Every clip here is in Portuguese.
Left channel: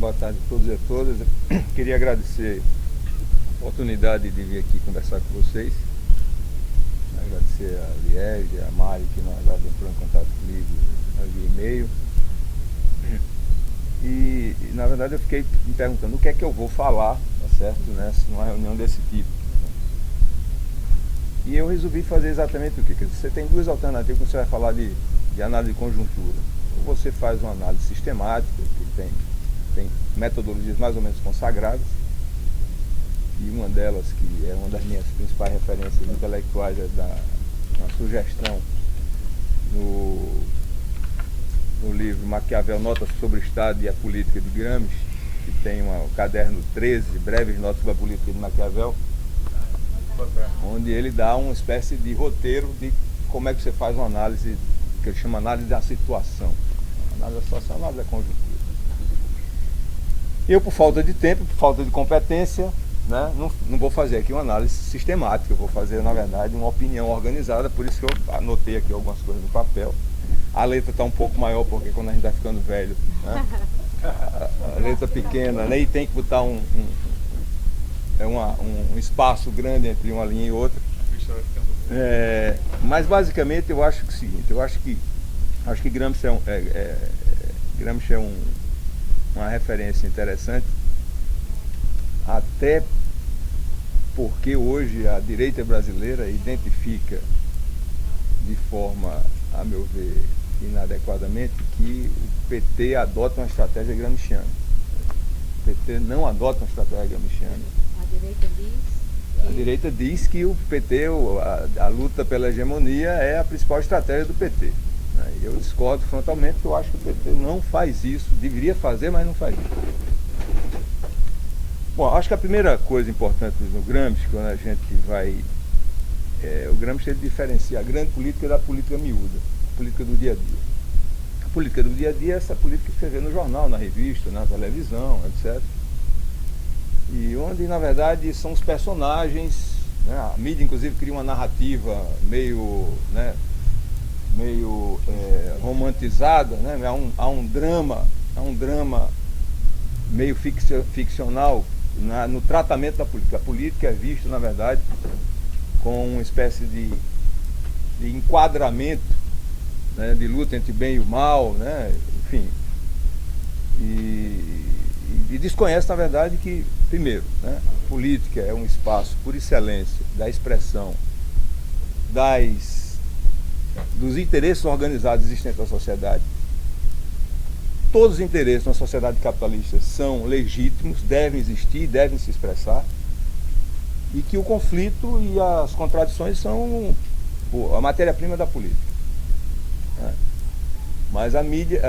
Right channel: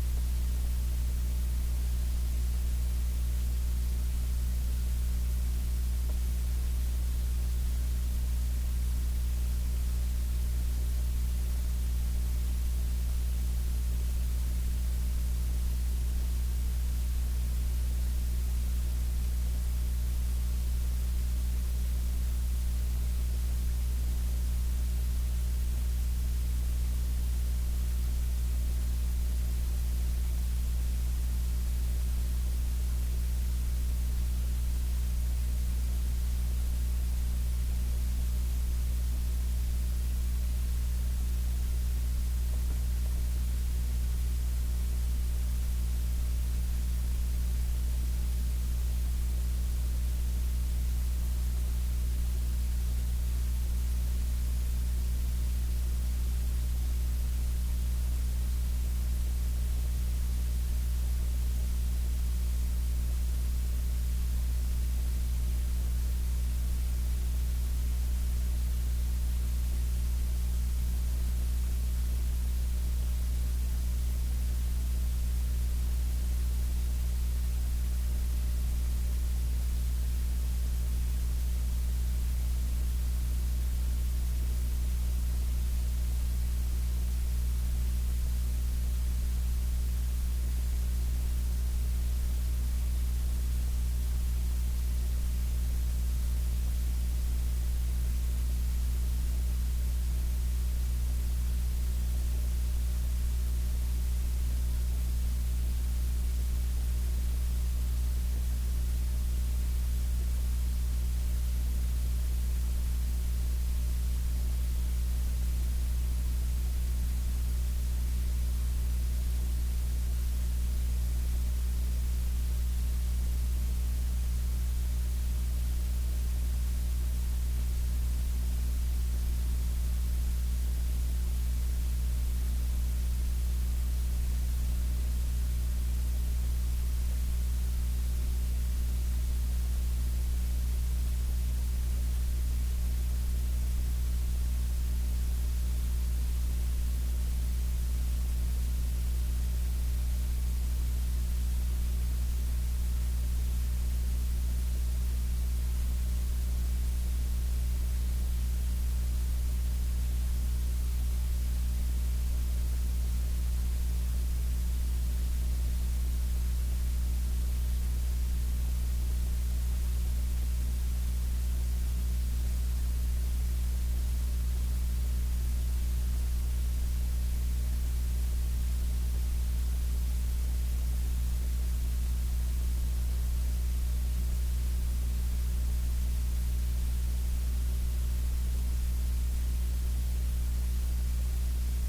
Boa tarde a todos e a todas. Queria agradecer a oportunidade de vir aqui conversar com vocês. Agradecer a Liege, a Mari, que na verdade entrou em contato comigo via e-mail. E na verdade eu fiquei me perguntando o que é que eu vou falar, tá certo, numa reunião desse tipo. E eu resolvi fazer exatamente o quê? Quer dizer, você tem duas alternativas quando você vai falar de análise de conjuntura. Ou você faz uma análise sistemática, que tem metodologias mais ou menos consagradas, e uma delas, que é uma das minhas principais referências intelectuais, é uma sugestão no livro Maquiavel, Notas sobre o Estado e a Política de Gramsci, que tem o caderno 13, Breves Notas sobre a Política de Maquiavel, onde ele dá uma espécie de roteiro de como é que você faz uma análise, que ele chama análise da situação. Análise da situação, análise da conjuntura. Eu, por falta de tempo, por falta de competência, né, não vou fazer aqui uma análise sistemática, eu vou fazer, na verdade, uma opinião organizada, por isso que eu anotei aqui algumas coisas no papel. A letra está um pouco maior, porque quando a gente está ficando velho, né, a letra pequena, né, e tem que botar um espaço grande entre uma linha e outra. Mas basicamente eu acho que é o seguinte, eu acho que Gramsci é uma referência interessante, até porque hoje a direita brasileira identifica de forma, a meu ver, inadequadamente, que o PT adota uma estratégia gramsciana. O PT não adota uma estratégia gramsciana. A direita diz que o PT, a luta pela hegemonia é a principal estratégia do PT. Eu discordo frontalmente, porque eu acho que o PT não faz isso, deveria fazer, mas não faz isso. Bom, acho que a primeira coisa importante no Gramsci, quando a gente vai... o Gramsci ele diferencia a grande política da política miúda, a política do dia a dia. A política do dia a dia é essa política que você vê no jornal, na revista, na televisão, etc. E onde, na verdade, são os personagens, né? A mídia, inclusive, cria uma narrativa meio romantizada, né? Há um drama meio ficcional no tratamento da política. A política é vista, na verdade, com uma espécie de enquadramento, né? De luta entre bem e o mal, né? Enfim. E desconhece, na verdade, que, primeiro, né, a política é um espaço, por excelência, da expressão dos interesses organizados existentes na sociedade. Todos os interesses na sociedade capitalista são legítimos, devem existir, devem se expressar, e que o conflito e as contradições são a matéria-prima da política. Né? Mas a mídia,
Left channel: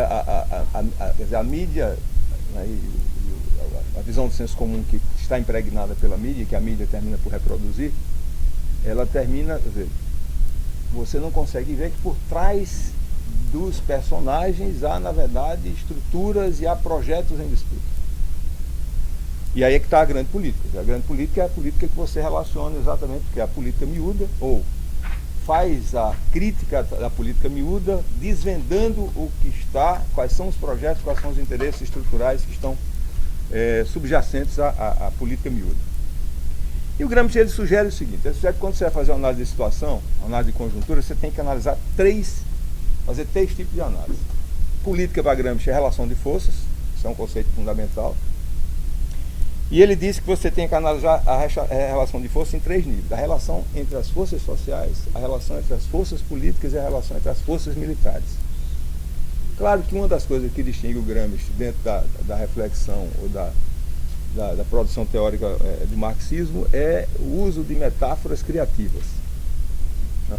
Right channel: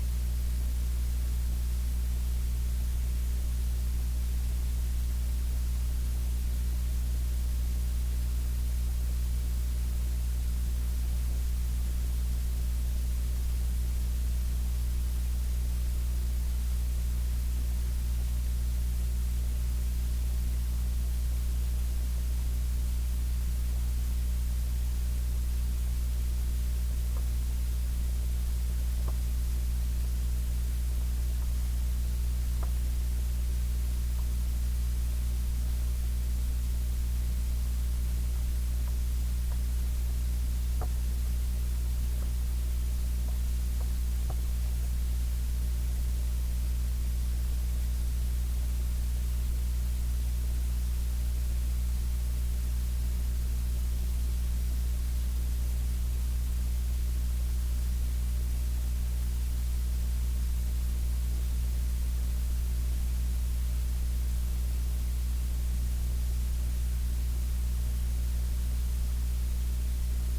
a visão do senso comum que está impregnada pela mídia, que a mídia termina por reproduzir, ela termina, você não consegue ver que por trás dos personagens há, na verdade, estruturas e há projetos em disputa. E aí é que está a grande política. A grande política é a política que você relaciona exatamente, que é a política miúda, ou faz a crítica da política miúda, desvendando o que está, quais são os projetos, quais são os interesses estruturais que estão subjacentes à política miúda. E o Gramsci ele sugere o seguinte, ele sugere que quando você vai fazer uma análise de situação, uma análise de conjuntura, você tem que analisar fazer três tipos de análise. Política para Gramsci é relação de forças, isso é um conceito fundamental. E ele disse que você tem que analisar a relação de força em três níveis. A relação entre as forças sociais, a relação entre as forças políticas e a relação entre as forças militares. Claro que uma das coisas que distingue o Gramsci dentro da reflexão ou da produção teórica do marxismo é o uso de metáforas criativas.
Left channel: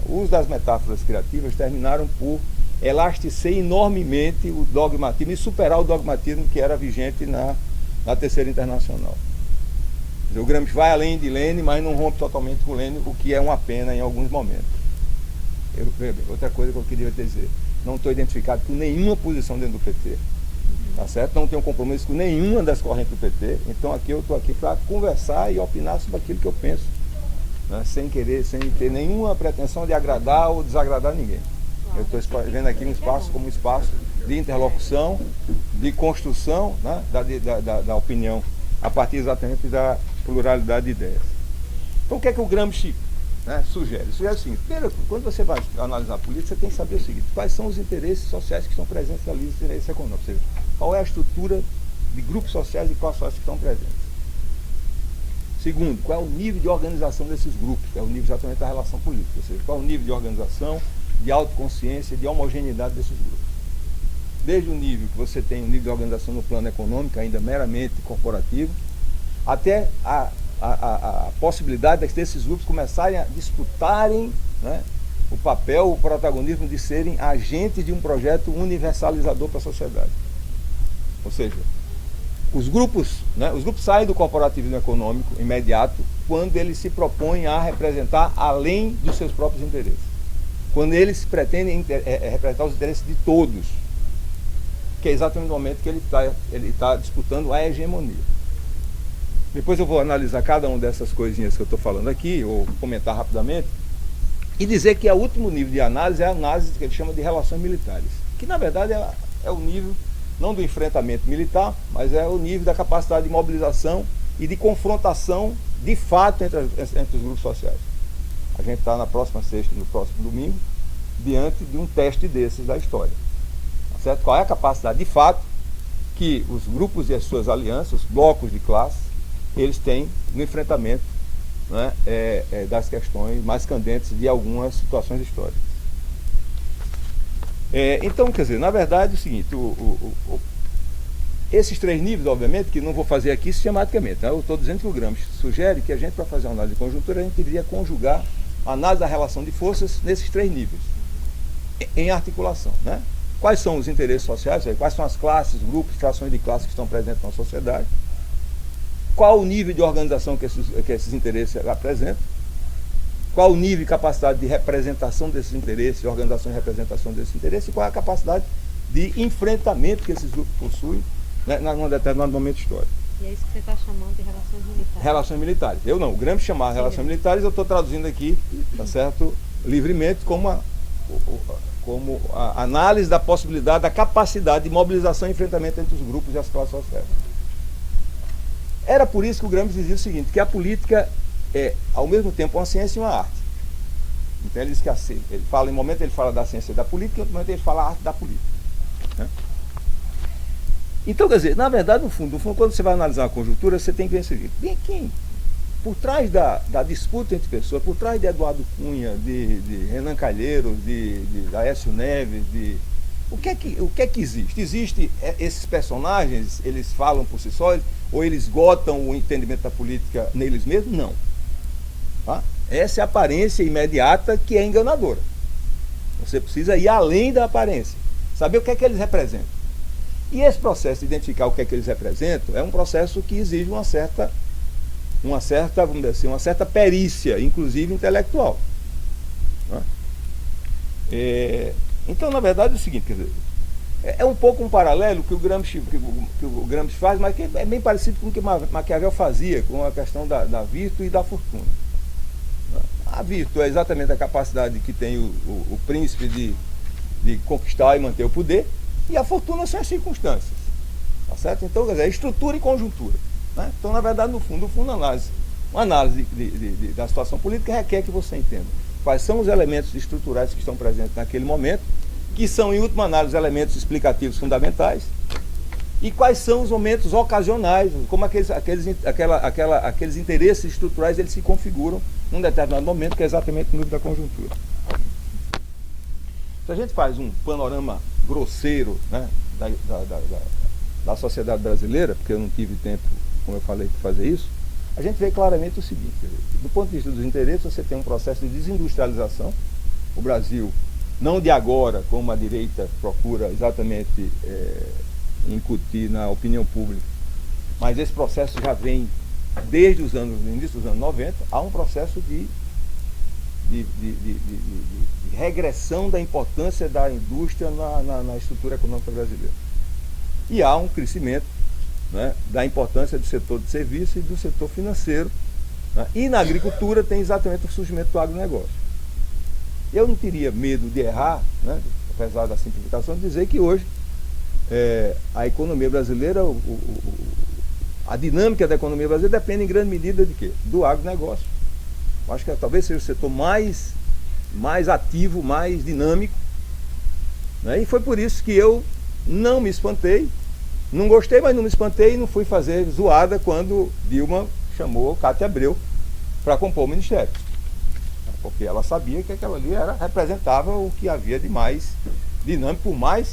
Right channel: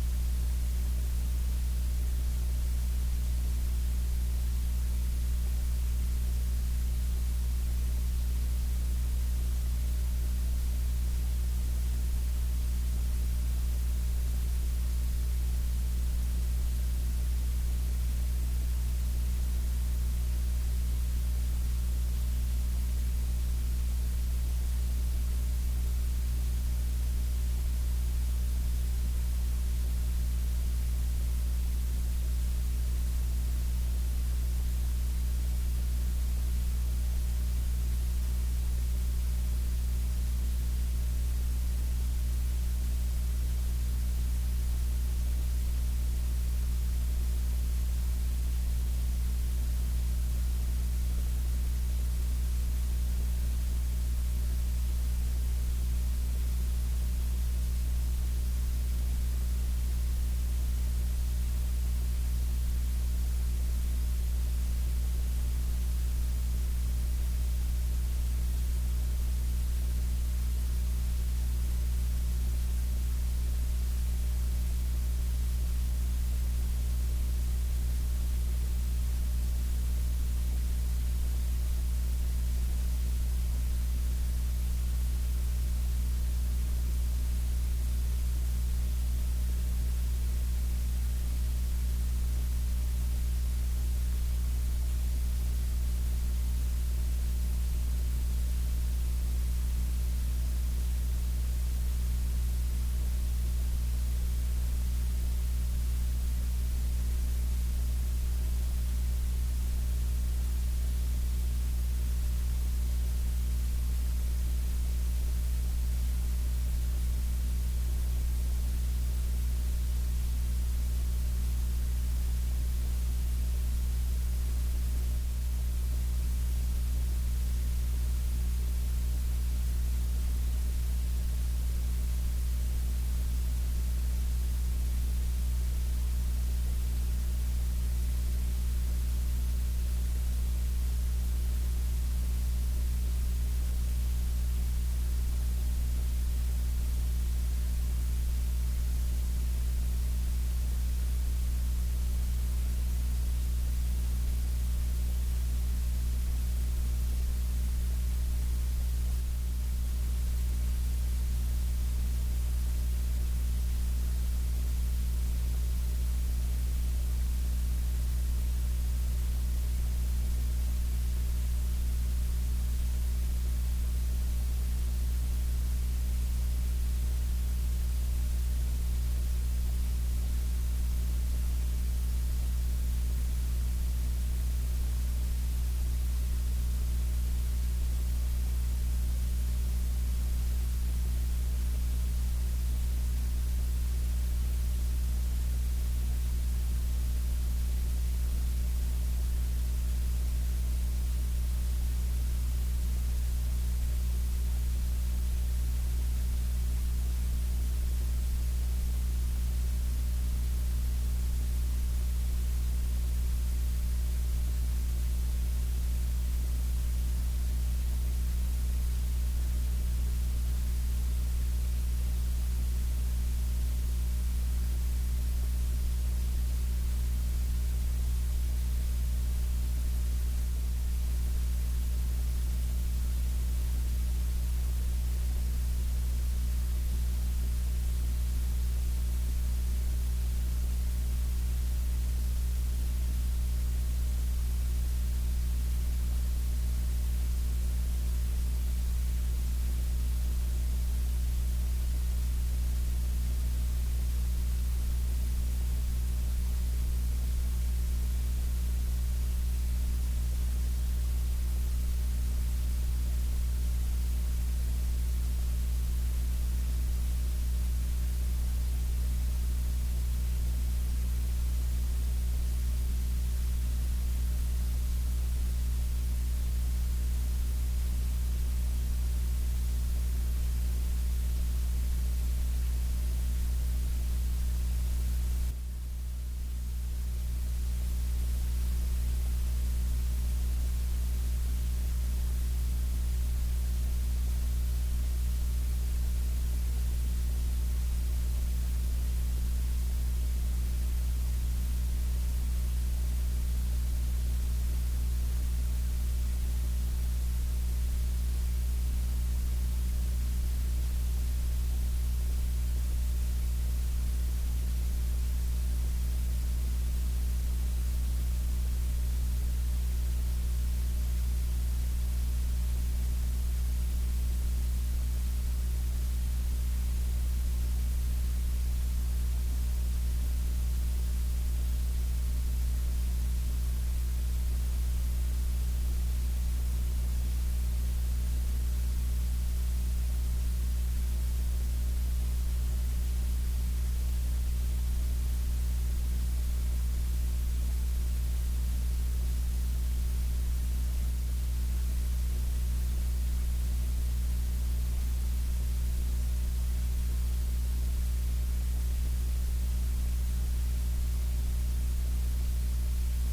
O uso das metáforas criativas terminaram por elastecer enormemente o dogmatismo e superar o dogmatismo que era vigente na Terceira Internacional. O Gramsci vai além de Lênin, mas não rompe totalmente com Lênin, o que é uma pena em alguns momentos. Outra coisa que eu queria dizer, não estou identificado com nenhuma posição dentro do PT, tá certo? Não tenho compromisso com nenhuma das correntes do PT, então aqui eu estou aqui para conversar e opinar sobre aquilo que eu penso, né? Sem ter nenhuma pretensão de agradar ou desagradar ninguém. Eu estou vendo aqui um espaço como um espaço de interlocução, de construção, né, da opinião, a partir exatamente da pluralidade de ideias. Então o que é que o Gramsci, né, sugere? Sugere o seguinte: primeiro, quando você vai analisar a política, você tem que saber o seguinte: quais são os interesses sociais que estão presentes ali, os interesses econômicos, ou seja, qual é a estrutura de grupos sociais e classes sociais que estão presentes. Segundo, qual é o nível de organização desses grupos, que é o nível exatamente da relação política, ou seja, qual é o nível de organização, de autoconsciência, de homogeneidade desses grupos. Desde o nível que você tem um nível de organização no plano econômico, ainda meramente corporativo, até a possibilidade desses grupos começarem a disputarem, né, o papel, o protagonismo de serem agentes de um projeto universalizador para a sociedade. Ou seja, os grupos saem do corporativismo econômico imediato quando eles se propõem a representar além dos seus próprios interesses. Quando eles pretendem representar os interesses de todos, que é exatamente no momento que ele está disputando a hegemonia. Depois eu vou analisar cada uma dessas coisinhas que eu estou falando aqui, ou comentar rapidamente, e dizer que o último nível de análise é a análise que ele chama de relações militares, que na verdade é o nível, não do enfrentamento militar, mas é o nível da capacidade de mobilização e de confrontação de fato entre os grupos sociais. A gente está na próxima sexta, no próximo domingo, diante de um teste desses da história. Certo? Qual é a capacidade de fato que os grupos e as suas alianças, os blocos de classe, eles têm no enfrentamento, né, das questões mais candentes de algumas situações históricas. Então, quer dizer, na verdade é o seguinte, esses três níveis, obviamente, que não vou fazer aqui sistematicamente, né? Eu estou dizendo que o Gramsci sugere que a gente, para fazer uma análise de conjuntura, a gente deveria conjugar a análise da relação de forças nesses três níveis, em articulação, né? Quais são os interesses sociais, quais são as classes, grupos, frações de classes que estão presentes na sociedade, qual o nível de organização que esses interesses apresentam, qual o nível e capacidade de representação desses interesses, de organização e representação desses interesses, e qual é a capacidade de enfrentamento que esses grupos possuem, né, num determinado momento histórico. E é isso que você está chamando de relações militares. Relações militares. Eu não, o Gramsci chamava relações militares, eu estou traduzindo aqui, tá certo, livremente, como a análise da possibilidade, da capacidade de mobilização e enfrentamento entre os grupos e as classes sociais. Era por isso que o Gramsci dizia o seguinte, que a política é, ao mesmo tempo, uma ciência e uma arte. Então ele diz que ele fala, em um momento ele fala da ciência da política, em outro momento ele fala a arte da política. Né? Então, quer dizer, na verdade, no fundo, quando você vai analisar a conjuntura, você tem que ver o seguinte, bem aqui, por trás da disputa entre pessoas, por trás de Eduardo Cunha, de Renan Calheiros, de Aécio Neves, o que é que existe? Existe esses personagens, eles falam por si só, ou eles esgotam o entendimento da política neles mesmos? Não. Tá? Essa é a aparência imediata que é enganadora. Você precisa ir além da aparência, saber o que é que eles representam. E esse processo de identificar o que é que eles representam é um processo que exige uma certa, vamos dizer assim, uma certa perícia, inclusive intelectual. Tá? Então, na verdade, é o seguinte, quer dizer, é um pouco um paralelo que o Gramsci faz, mas que é bem parecido com o que Maquiavel fazia, com a questão da virtude e da fortuna. A virtude é exatamente a capacidade que tem o príncipe de conquistar e manter o poder, e a fortuna são as circunstâncias. Tá certo? Então, quer dizer, é estrutura e conjuntura. Né? Então, na verdade, no fundo, uma análise da situação política requer que você entenda quais são os elementos estruturais que estão presentes naquele momento, que são, em última análise, elementos explicativos fundamentais, e quais são os momentos ocasionais, como aqueles interesses estruturais eles se configuram num determinado momento, que é exatamente no nível da conjuntura. Se a gente faz um panorama grosseiro, né, da sociedade brasileira, porque eu não tive tempo, como eu falei, de fazer isso, a gente vê claramente o seguinte: do ponto de vista dos interesses, você tem um processo de desindustrialização. O Brasil, não de agora, como a direita procura exatamente incutir na opinião pública, mas esse processo já vem desde o início dos anos 90, há um processo de regressão da importância da indústria na estrutura econômica brasileira. E há um crescimento, né, da importância do setor de serviço e do setor financeiro. Né? E na agricultura tem exatamente o surgimento do agronegócio. Eu não teria medo de errar, né, apesar da simplificação, de dizer que hoje a economia brasileira, a dinâmica da economia brasileira depende em grande medida de quê? Do agronegócio. Eu acho que talvez seja o setor mais ativo, mais dinâmico, né? E foi por isso que eu não me espantei, não gostei, mas não me espantei e não fui fazer zoada quando Dilma chamou Cátia Abreu para compor o ministério. Porque ela sabia que aquela ali representava o que havia de mais dinâmico, por mais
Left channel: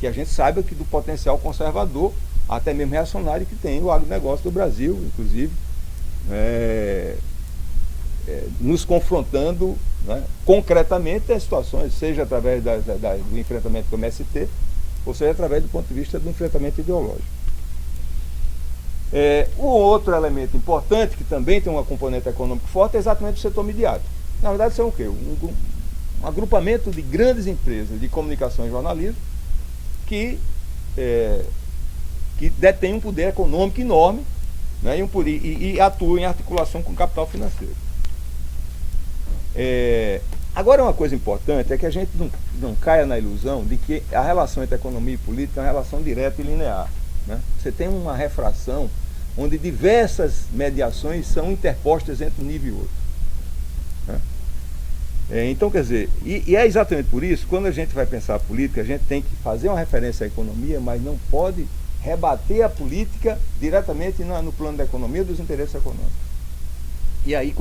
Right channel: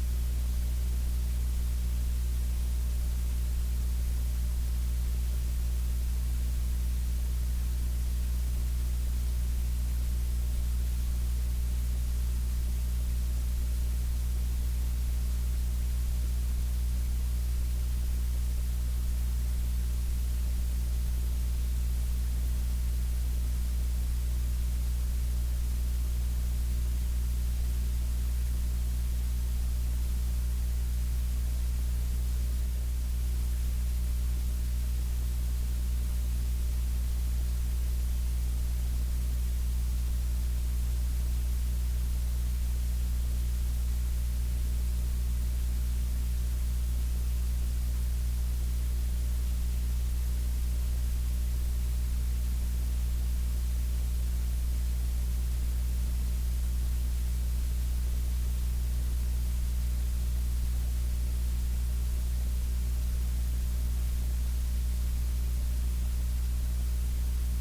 que a gente saiba que do potencial conservador, até mesmo reacionário, que tem o agronegócio do Brasil, inclusive, nos confrontando, né, concretamente as situações, seja através do enfrentamento com o MST, ou seja através do ponto de vista do enfrentamento ideológico. O outro elemento importante, que também tem uma componente econômica forte, é exatamente o setor midiático. Na verdade, são o quê? Um agrupamento de grandes empresas de comunicação e jornalismo que detêm um poder econômico enorme, né, e atuam em articulação com o capital financeiro. Agora, uma coisa importante é que a gente não caia na ilusão de que a relação entre economia e política é uma relação direta e linear, né? Você tem uma refração onde diversas mediações são interpostas entre um nível e outro, né? Então, quer dizer, e é exatamente por isso, quando a gente vai pensar a política, a gente tem que fazer uma referência à economia, mas não pode rebater a política diretamente no plano da economia dos interesses econômicos. E aí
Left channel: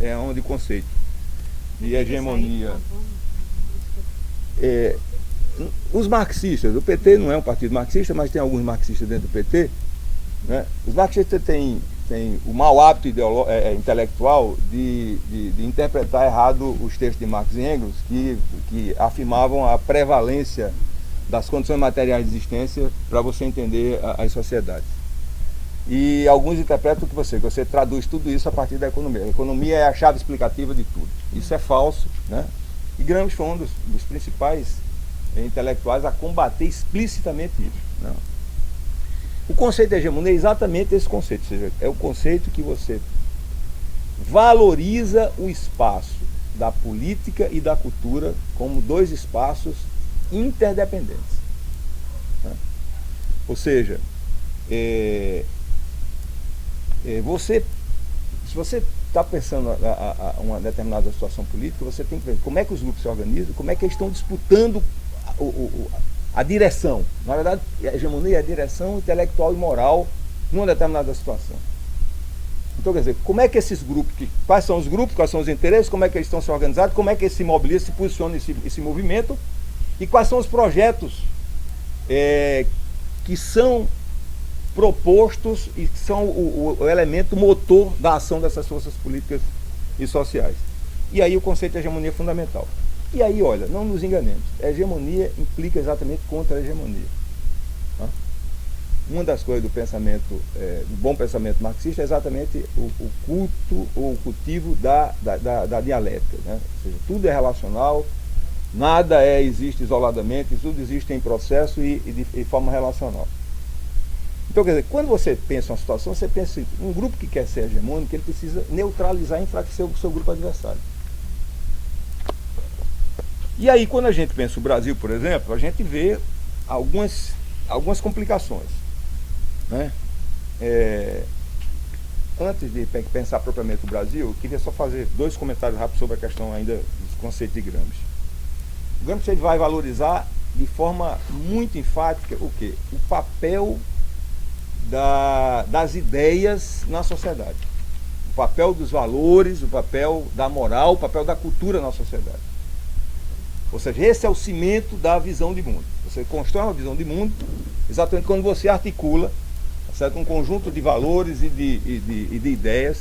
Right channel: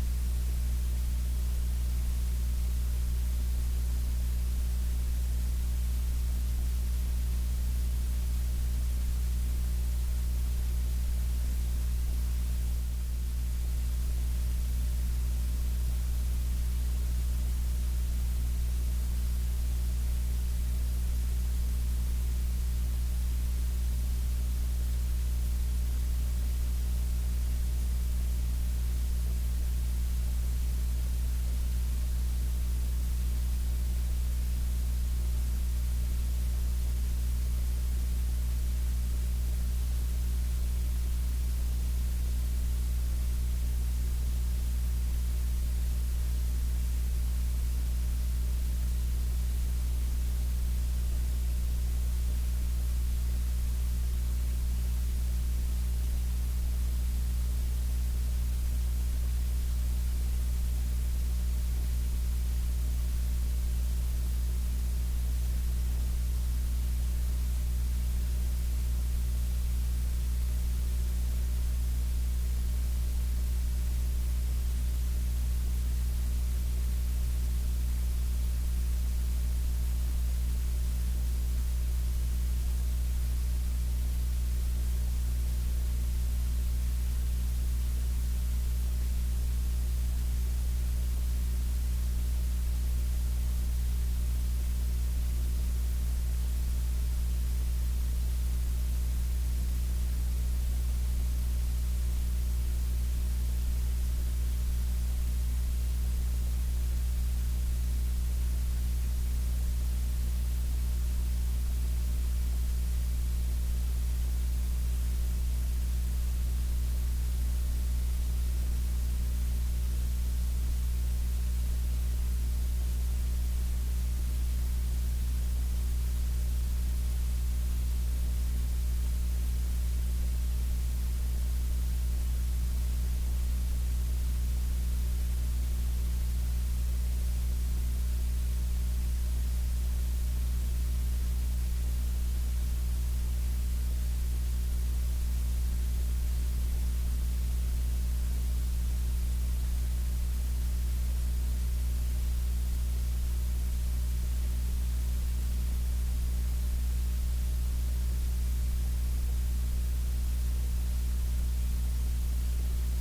é onde o conceito de hegemonia... os marxistas, o PT não é um partido marxista, mas tem alguns marxistas dentro do PT, né? Os marxistas têm o mau hábito intelectual de interpretar errado os textos de Marx e Engels, que afirmavam a prevalência das condições materiais de existência para você entender as sociedades. E alguns interpretam que você traduz tudo isso a partir da economia. A economia é a chave explicativa de tudo. Isso é falso, né? E Gramsci foi um dos principais intelectuais a combater explicitamente isso, né? O conceito de hegemonia é exatamente esse conceito, ou seja, é o conceito que você valoriza o espaço da política e da cultura como dois espaços interdependentes, né? Ou seja, se você está pensando uma determinada situação política, você tem que ver como é que os grupos se organizam, como é que eles estão disputando a direção. Na verdade, a hegemonia é a direção intelectual e moral numa determinada situação. Então, quer dizer, como é que esses grupos, quais são os grupos, quais são os interesses, como é que eles estão se organizados, como é que eles se mobilizam, se posicionam esse movimento, e quais são os projetos que são propostos e que são o elemento motor da ação dessas forças políticas e sociais. E aí o conceito de hegemonia é fundamental. E aí, olha, não nos enganemos, a hegemonia implica exatamente contra a hegemonia, tá? Uma das coisas do pensamento, do bom pensamento marxista é exatamente o culto ou o cultivo da dialética, né? Ou seja, tudo é relacional, nada existe isoladamente, tudo existe em processo e de forma relacional. Então, quer dizer, quando você pensa uma situação, você pensa assim, um grupo que quer ser hegemônico, ele precisa neutralizar e enfraquecer o seu grupo adversário. E aí, quando a gente pensa o Brasil, por exemplo, a gente vê algumas complicações, né? Antes de pensar propriamente o Brasil, eu queria só fazer 2 comentários rápidos sobre a questão ainda do conceito de Gramsci. O Gramsci ele vai valorizar de forma muito enfática o quê? O papel das ideias na sociedade. O papel dos valores, o papel da moral, o papel da cultura na sociedade. Ou seja, esse é o cimento da visão de mundo. Você constrói uma visão de mundo exatamente quando você articula, certo, um conjunto de valores e de ideias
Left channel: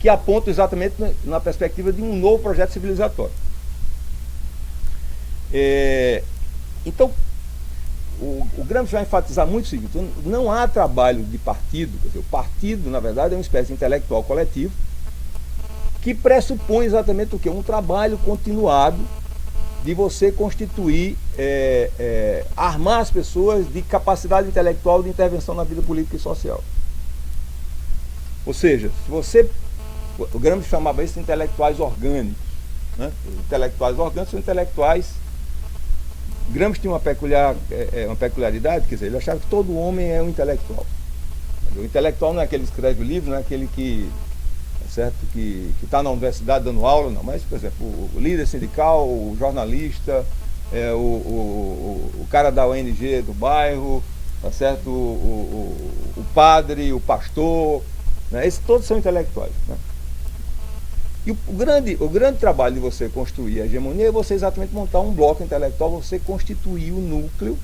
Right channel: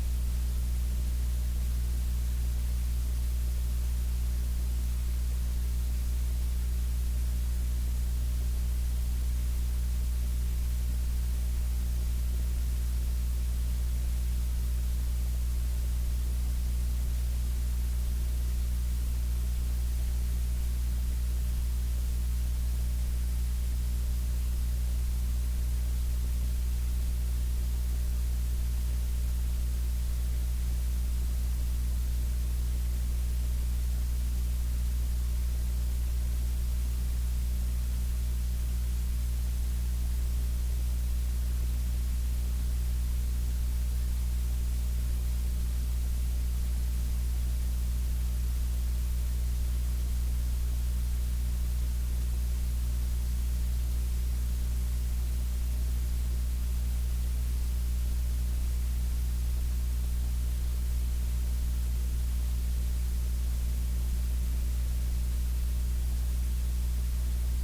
que apontam exatamente na perspectiva de um novo projeto civilizatório. Então, o Gramsci vai enfatizar muito o seguinte: não há trabalho de partido. O partido, na verdade, é uma espécie de intelectual coletivo que pressupõe exatamente o quê? Um trabalho continuado de você constituir, armar as pessoas de capacidade intelectual de intervenção na vida política e social. Ou seja, o Gramsci chamava isso de intelectuais orgânicos, né? Intelectuais orgânicos são intelectuais Gramsci tinha uma peculiaridade, quer dizer, ele achava que todo homem é um intelectual. O intelectual não é aquele que escreve livro, não é aquele que certo? Que está na universidade dando aula, não, mas, por exemplo, o líder sindical, o jornalista, o cara da ONG do bairro, tá certo? O padre, o pastor, né? Esses todos são intelectuais. Né? E o grande trabalho de você construir a hegemonia é você exatamente montar um bloco intelectual, você constituir o núcleo,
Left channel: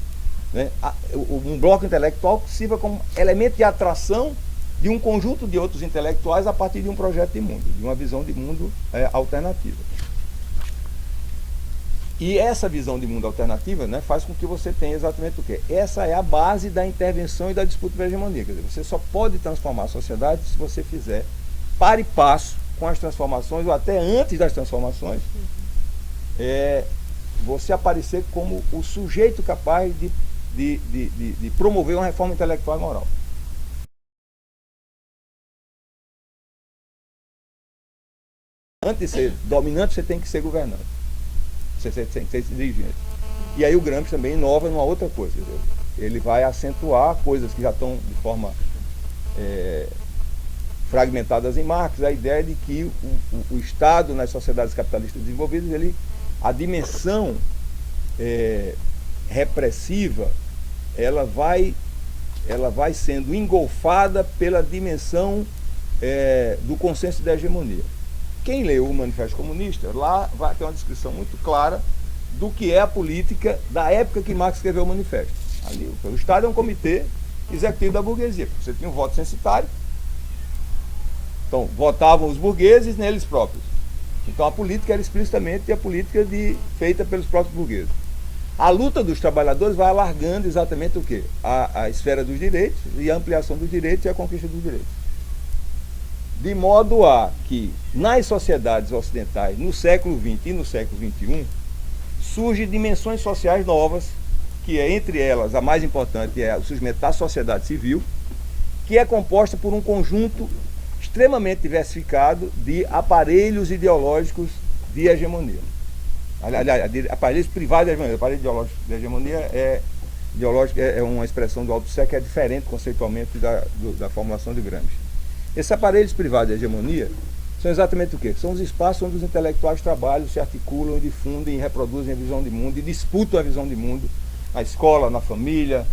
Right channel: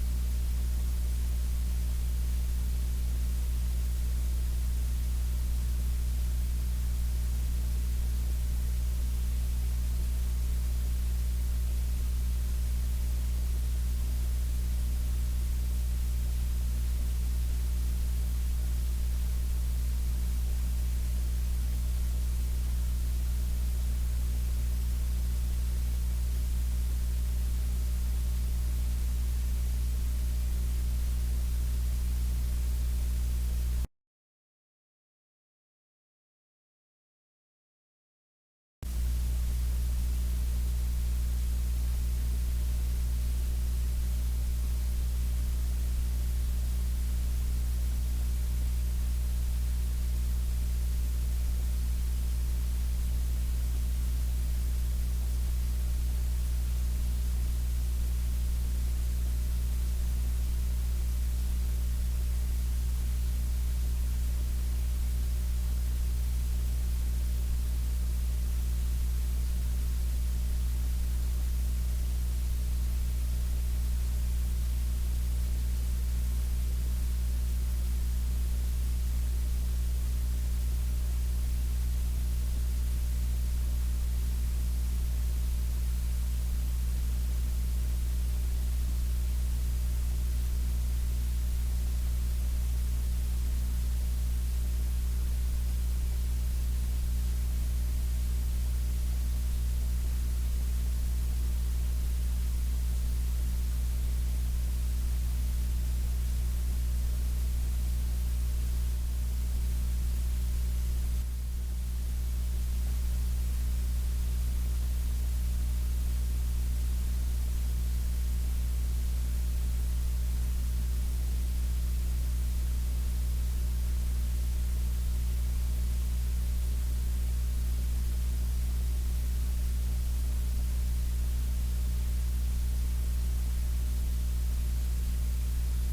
né? Um bloco intelectual que sirva como elemento de atração de um conjunto de outros intelectuais a partir de um projeto de mundo, de uma visão de mundo alternativa. E essa visão de mundo alternativa, né, faz com que você tenha exatamente o quê? Essa é a base da intervenção e da disputa pela hegemonia. Quer dizer, você só pode transformar a sociedade se você fizer par e passo com as transformações, ou até antes das transformações, você aparecer como o sujeito capaz de promover uma reforma intelectual e moral. Antes de ser dominante, você tem que ser governante. Você tem que ser dirigente. E aí o Gramsci também inova numa outra coisa. Entendeu? Ele vai acentuar coisas que já estão de forma fragmentadas em Marx, a ideia de que o Estado nas sociedades capitalistas desenvolvidas, a dimensão repressiva, ela vai sendo engolfada pela dimensão do consenso da hegemonia. Quem leu o Manifesto Comunista, lá vai ter uma descrição muito clara do que é a política da época que Marx escreveu o Manifesto. Ali, o Estado é um comitê executivo da burguesia. Você tinha um voto censitário, então votavam os burgueses neles próprios. Então a política era explicitamente a política feita pelos próprios burgueses. A luta dos trabalhadores vai alargando exatamente o quê? A esfera dos direitos e a ampliação dos direitos e a conquista dos direitos. De modo a que, nas sociedades ocidentais, no século XX e no século XXI, surgem dimensões sociais novas, que é, entre elas, a mais importante é o surgimento da sociedade civil, que é composta por um conjunto extremamente diversificado de aparelhos ideológicos de hegemonia. Aliás, aparelhos privados de hegemonia. Aparelho ideológico de hegemonia é uma expressão do Althusser que é diferente conceitualmente da formulação de Gramsci. Esses aparelhos privados de hegemonia são exatamente o quê? São os espaços onde os intelectuais trabalham, se articulam, difundem, reproduzem a visão de mundo e disputam a visão de mundo na escola, na família,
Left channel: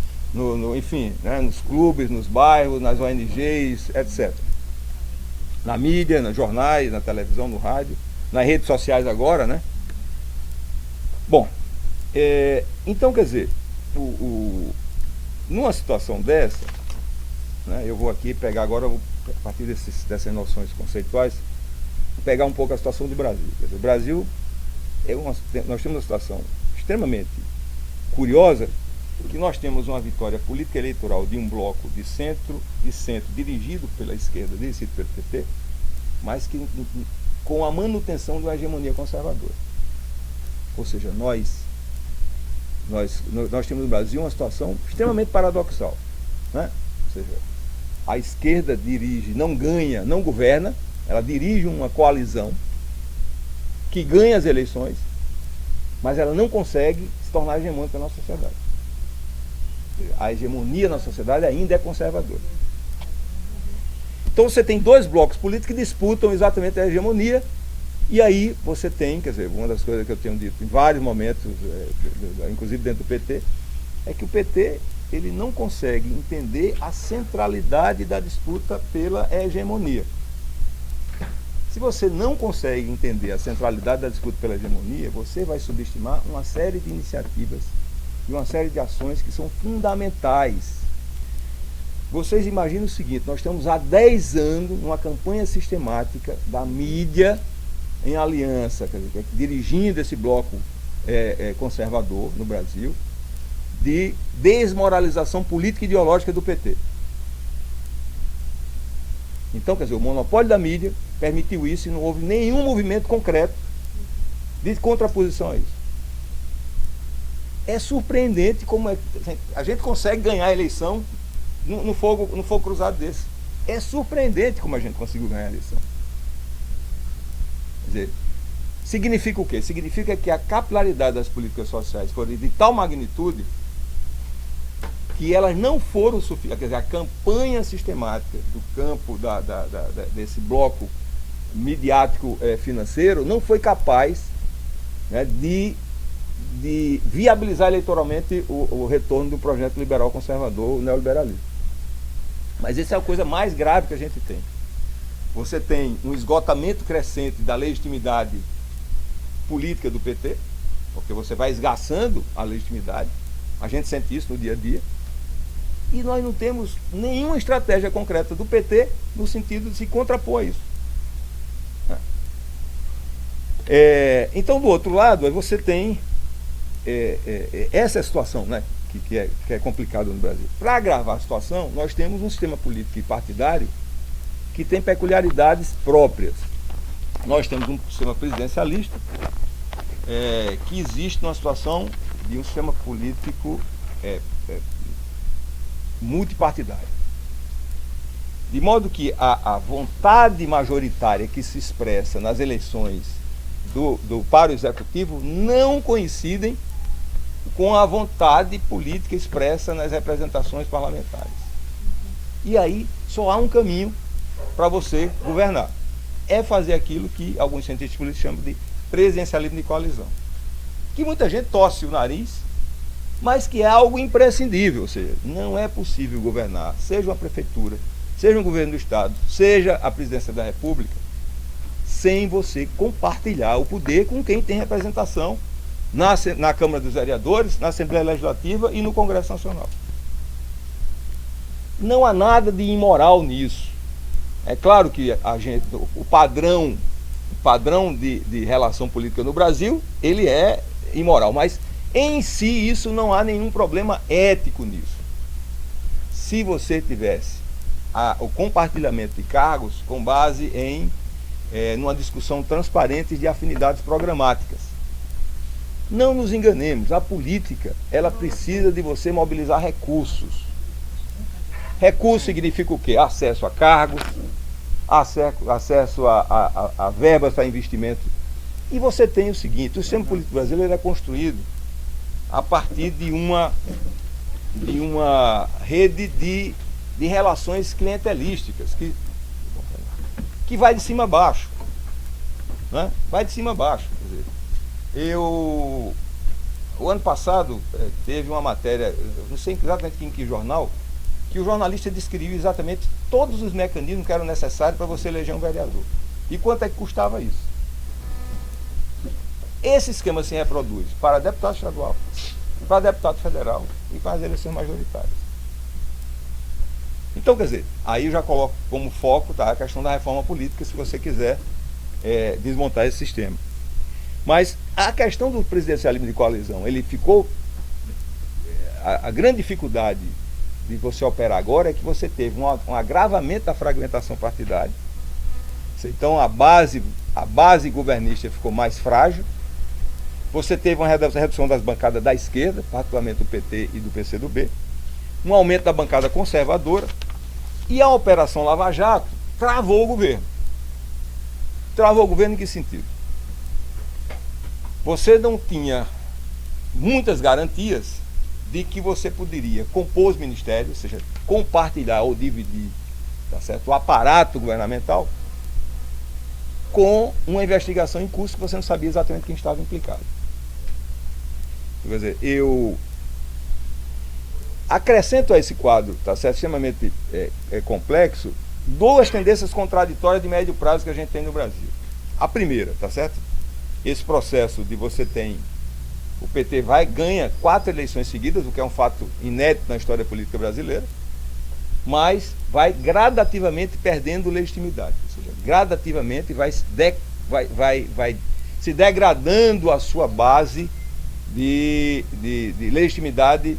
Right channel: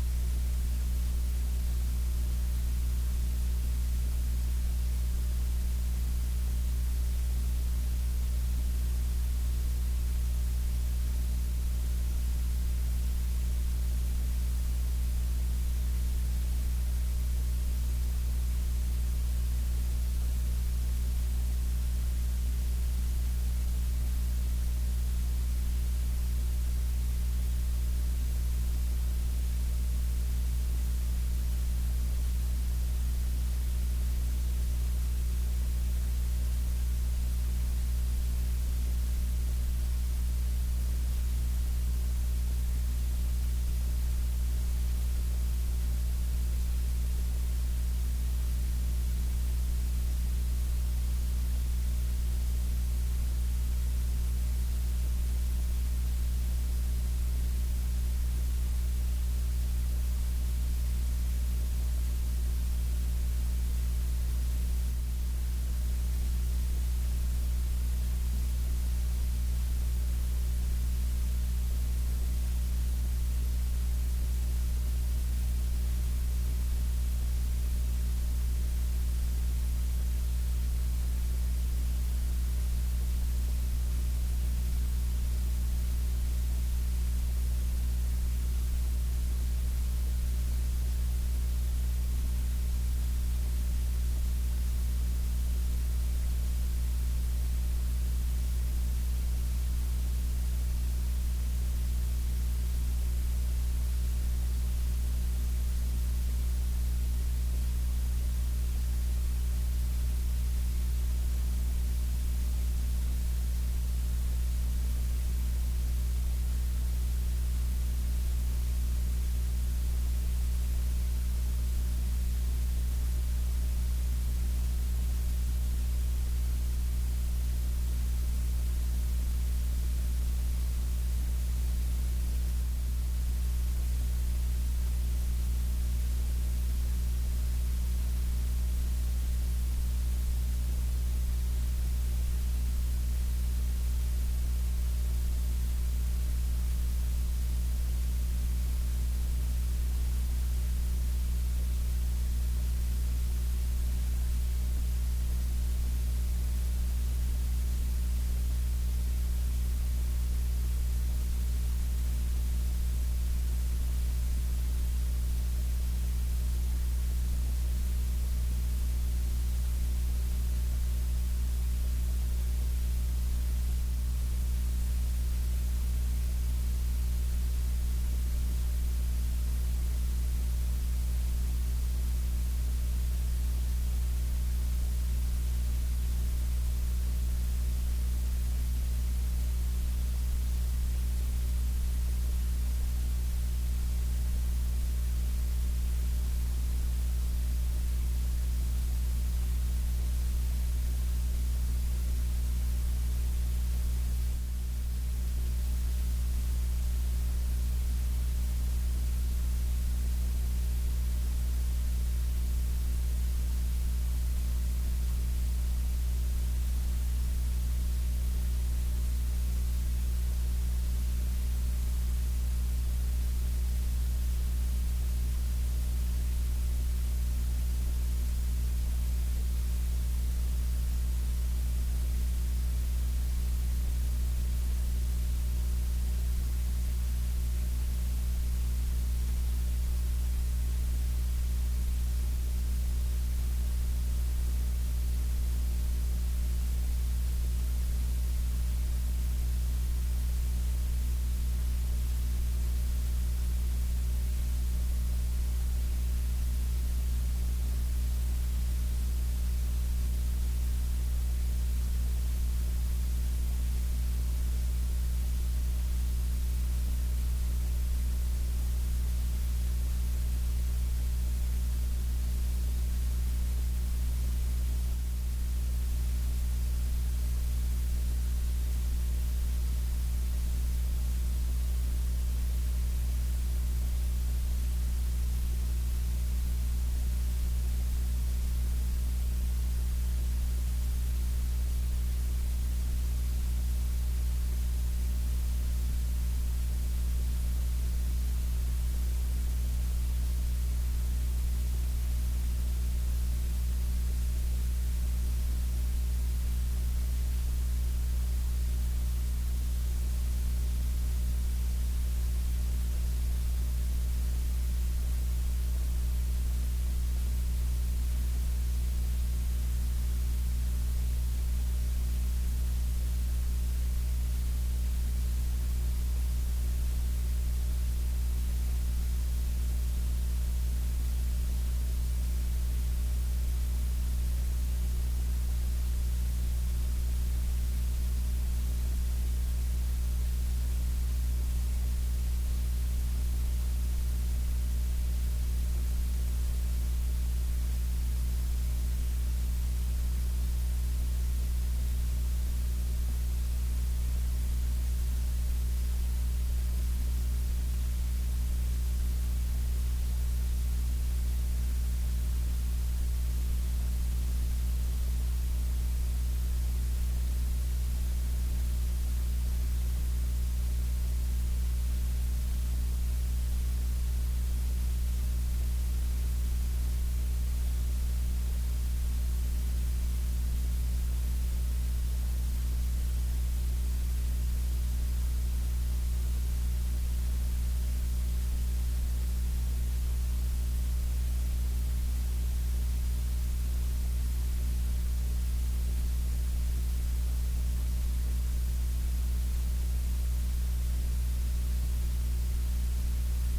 enfim, né, nos clubes, nos bairros, nas ONGs, etc. Na mídia, nos jornais, na televisão, no rádio, nas redes sociais agora, né? Bom, então, quer dizer, numa situação dessa, né, eu vou aqui pegar agora, a partir dessas noções conceituais, pegar um pouco a situação do Brasil. Quer dizer, o Brasil, nós temos uma situação extremamente curiosa, que nós temos uma vitória política eleitoral de um bloco de centro, dirigido pela esquerda, dirigido pelo PT, mas que com a manutenção de uma hegemonia conservadora. Ou seja, nós temos no Brasil uma situação extremamente paradoxal. Né? Ou seja, a esquerda dirige, não ganha, não governa, ela dirige uma coalizão que ganha as eleições, mas ela não consegue se tornar hegemônica na sociedade. A hegemonia na sociedade ainda é conservadora. Então você tem dois blocos políticos que disputam exatamente a hegemonia, e aí você tem, quer dizer, uma das coisas que eu tenho dito em vários momentos, inclusive dentro do PT, é que o PT ele não consegue entender a centralidade da disputa pela hegemonia. Se você não consegue entender a centralidade da disputa pela hegemonia, você vai subestimar uma série de iniciativas e uma série de ações que são fundamentais. Vocês imaginam o seguinte, nós estamos há 10 anos numa campanha sistemática da mídia em aliança, quer dizer, dirigindo esse bloco conservador no Brasil, de desmoralização política e ideológica do PT. Então, quer dizer, o monopólio da mídia permitiu isso e não houve nenhum movimento concreto de contraposição a isso. É surpreendente como a gente consegue ganhar a eleição no fogo cruzado desse. É surpreendente como a gente conseguiu ganhar a eleição. Quer dizer, Significa o quê? Significa que a capilaridade das políticas sociais foi de tal magnitude que elas não foram suficientes. Quer dizer, a campanha sistemática do campo desse bloco midiático financeiro não foi capaz, né, de viabilizar eleitoralmente o retorno do projeto liberal conservador, o neoliberalismo. Mas essa é a coisa mais grave que a gente tem. Você tem um esgotamento crescente da legitimidade política do PT, porque você vai esgaçando a legitimidade, a gente sente isso no dia a dia, e nós não temos nenhuma estratégia concreta do PT no sentido de se contrapor a isso. Então, do outro lado, você tem essa situação, né, que é complicada no Brasil. Para agravar a situação, nós temos um sistema político e partidário que tem peculiaridades próprias. Nós temos um sistema presidencialista que existe numa situação de um sistema político multipartidário. De modo que a vontade majoritária que se expressa nas eleições para o executivo não coincidem com a vontade política expressa nas representações parlamentares. E aí só há um caminho para você governar. É fazer aquilo que alguns cientistas políticos chamam de presidencialismo de coalizão. Que muita gente torce o nariz, mas que é algo imprescindível. Ou seja, não é possível governar, seja uma prefeitura, seja um governo do Estado, seja a presidência da República, sem você compartilhar o poder com quem tem representação na Câmara dos Vereadores, na Assembleia Legislativa e no Congresso Nacional. Não há nada de imoral nisso. É claro que o padrão de relação política no Brasil, ele é imoral, mas em si isso não há nenhum problema ético nisso. Se você tivesse o compartilhamento de cargos com base numa discussão transparente de afinidades programáticas. Não nos enganemos, a política, ela precisa de você mobilizar recursos. Recurso significa o quê? Acesso a cargos, acesso a verbas para investimento. E você tem o seguinte, o sistema político brasileiro é construído a partir de uma rede de relações clientelísticas que vai de cima a baixo, né? Vai de cima a baixo. O ano passado teve uma matéria, não sei exatamente em que jornal, que o jornalista descreveu exatamente todos os mecanismos que eram necessários para você eleger um vereador. E quanto é que custava isso? Esse esquema se reproduz para deputado estadual, para deputado federal e para as eleições majoritárias. Então, quer dizer, aí eu já coloco como foco, tá, a questão da reforma política, se você quiser desmontar esse sistema. Mas a questão do presidencialismo de coalizão, ele ficou... A grande dificuldade de você operar agora é que você teve um agravamento da fragmentação partidária. Então a base governista ficou mais frágil. Você teve uma redução das bancadas da esquerda, particularmente do PT e do PCdoB, um aumento da bancada conservadora, e a Operação Lava Jato travou o governo. Travou o governo em que sentido? Você não tinha muitas garantias de que você poderia compor os ministérios, ou seja, compartilhar ou dividir, tá certo, o aparato governamental com uma investigação em curso que você não sabia exatamente quem estava implicado. Quer dizer, eu acrescento a esse quadro, tá certo, extremamente complexo, duas tendências contraditórias de médio prazo que a gente tem no Brasil. A primeira, tá certo? Esse processo de você tem, o PT ganha 4 eleições seguidas, o que é um fato inédito na história política brasileira, mas vai gradativamente perdendo legitimidade. Ou seja, gradativamente vai se degradando a sua base de legitimidade.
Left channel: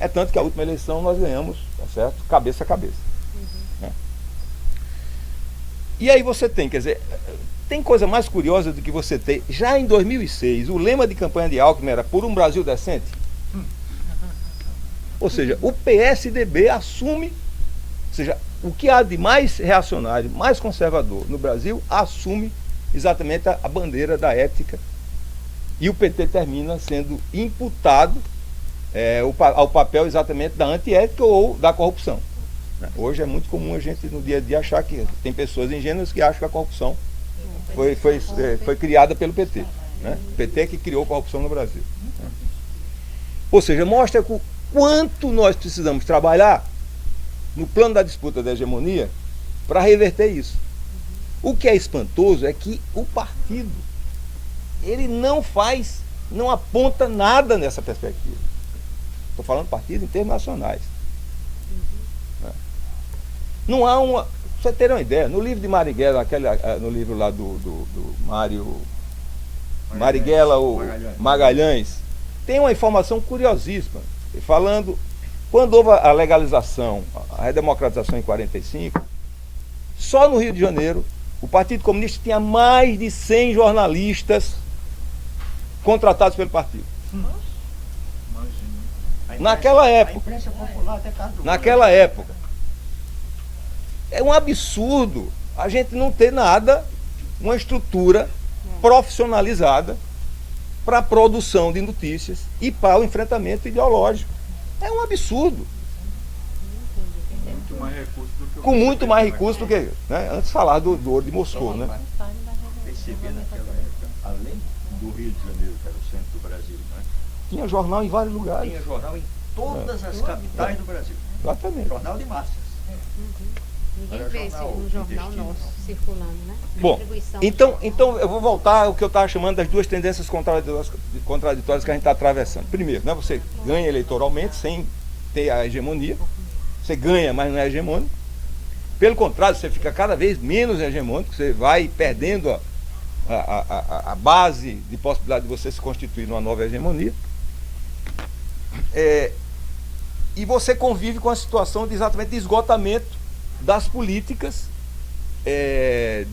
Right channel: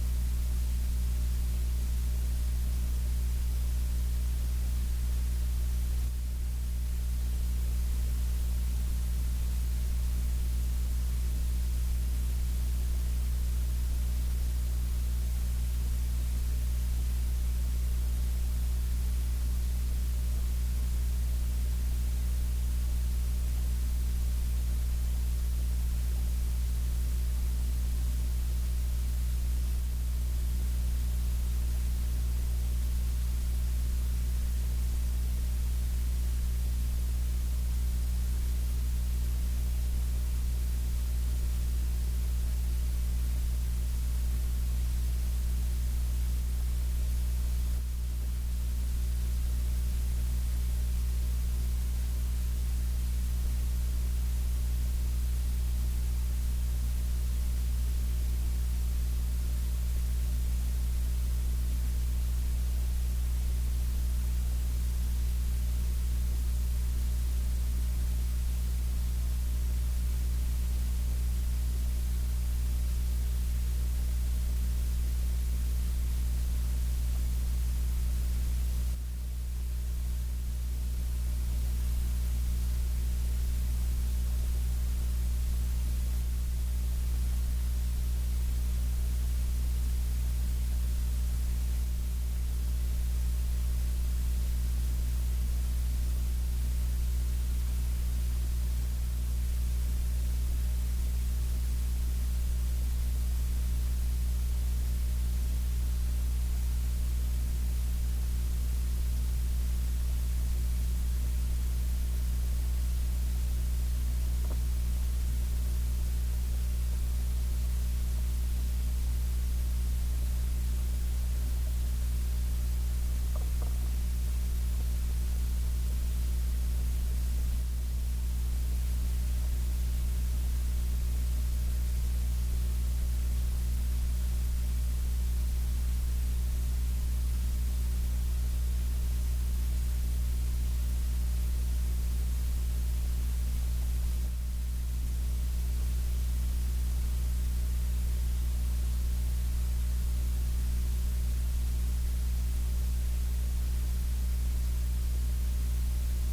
É tanto que a última eleição nós ganhamos, tá certo? Cabeça a cabeça. Né? E aí você tem, quer dizer, tem coisa mais curiosa do que você ter. Já em 2006, o lema de campanha de Alckmin era "Por um Brasil decente". Ou seja, o PSDB assume, ou seja, o que há de mais reacionário, mais conservador no Brasil, assume exatamente a bandeira da ética. E o PT termina sendo imputado ao papel exatamente da antiética ou da corrupção. Hoje é muito comum a gente no dia a dia achar que tem pessoas ingênuas que acham que a corrupção foi criada pelo PT. Né? O PT que criou a corrupção no Brasil. Ou seja, mostra o quanto nós precisamos trabalhar no plano da disputa da hegemonia para reverter isso. O que é espantoso é que o partido, ele não aponta nada nessa perspectiva. Estou falando de partidos internacionais. Não há uma... Pra você ter uma ideia, no livro de Marighella, no livro lá do Mário Marighella, o Magalhães, tem uma informação curiosíssima, falando, quando houve a legalização, a redemocratização em 45, só no Rio de Janeiro, o Partido Comunista tinha mais de 100 jornalistas contratados pelo partido. Naquela época, é um absurdo a gente não ter nada, uma estrutura profissionalizada para a produção de notícias e para o enfrentamento ideológico. É um absurdo. Com muito mais recurso do que, né? Antes de falar do ouro de Moscou, né? Percebi naquela época, além do Rio de Janeiro, que era o centro do Brasil, né? Tinha jornal em vários lugares. Tinha jornal em todas as capitais do Brasil. Exatamente. Jornal de massas. Ninguém vê esse um jornal nosso circulando, né? Bom, então eu vou voltar ao que eu estava chamando das duas tendências contraditórias que a gente está atravessando. Primeiro, né, você ganha eleitoralmente sem ter a hegemonia. Você ganha, mas não é hegemônico. Pelo contrário, você fica cada vez menos hegemônico, você vai perdendo a base de possibilidade de você se constituir numa nova hegemonia. E você convive com a situação exatamente de esgotamento das políticas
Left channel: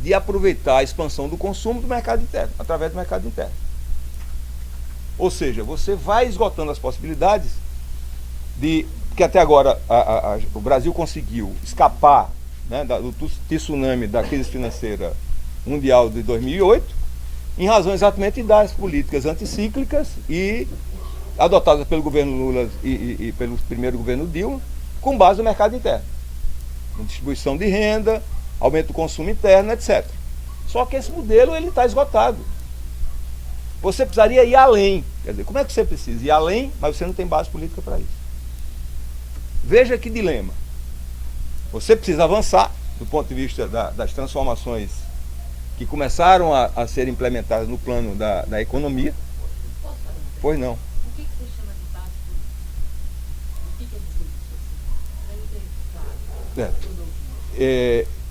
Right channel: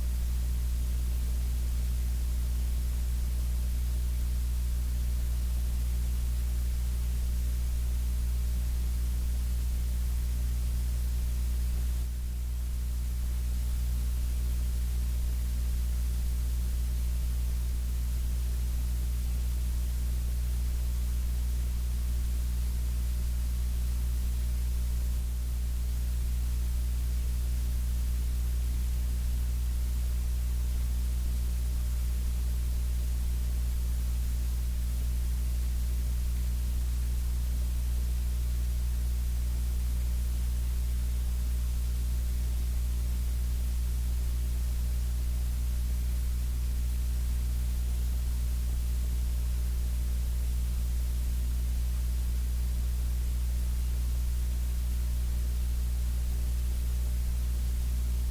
de aproveitar a expansão do consumo do mercado interno, através do mercado interno. Ou seja, você vai esgotando as possibilidades que até agora o Brasil conseguiu escapar, né, do tsunami da crise financeira mundial de 2008, em razão exatamente das políticas anticíclicas e adotadas pelo governo Lula e pelo primeiro governo Dilma, com base no mercado interno. Distribuição de renda, aumento do consumo interno, etc. Só que esse modelo está esgotado. Você precisaria ir além. Quer dizer, como é que você precisa ir além, mas você não tem base política para isso? Veja que dilema. Você precisa avançar do ponto de vista das transformações que começaram a ser implementadas no plano da economia. Pois não.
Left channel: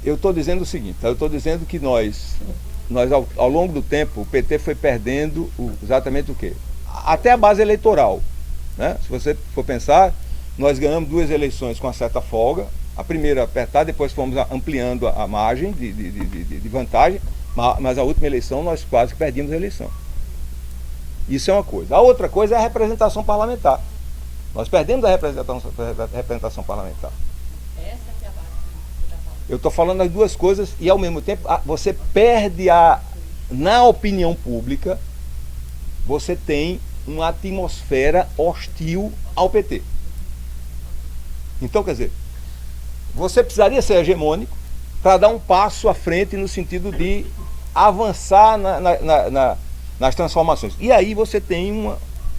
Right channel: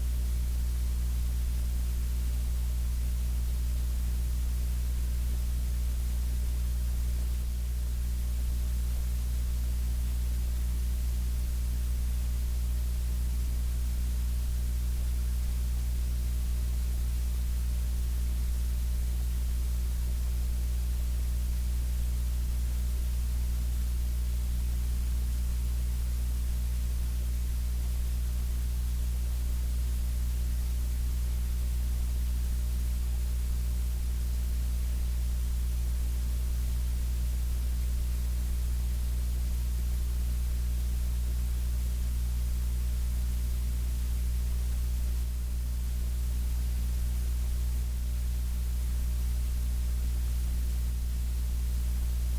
Eu estou dizendo o seguinte, eu estou dizendo que nós ao longo do tempo, o PT foi perdendo exatamente o quê? Até a base eleitoral. Né? Se você for pensar, nós ganhamos 2 eleições com uma certa folga, a primeira apertada, depois fomos ampliando a margem de vantagem, mas a última eleição nós quase perdemos a eleição. Isso é uma coisa. A outra coisa é a representação parlamentar. Nós perdemos a representação parlamentar. Eu estou falando as duas coisas e ao mesmo tempo você perde na opinião pública, você tem uma atmosfera hostil ao PT. Então, quer dizer, você precisaria ser hegemônico para dar um passo à frente no sentido de avançar nas transformações. E aí você tem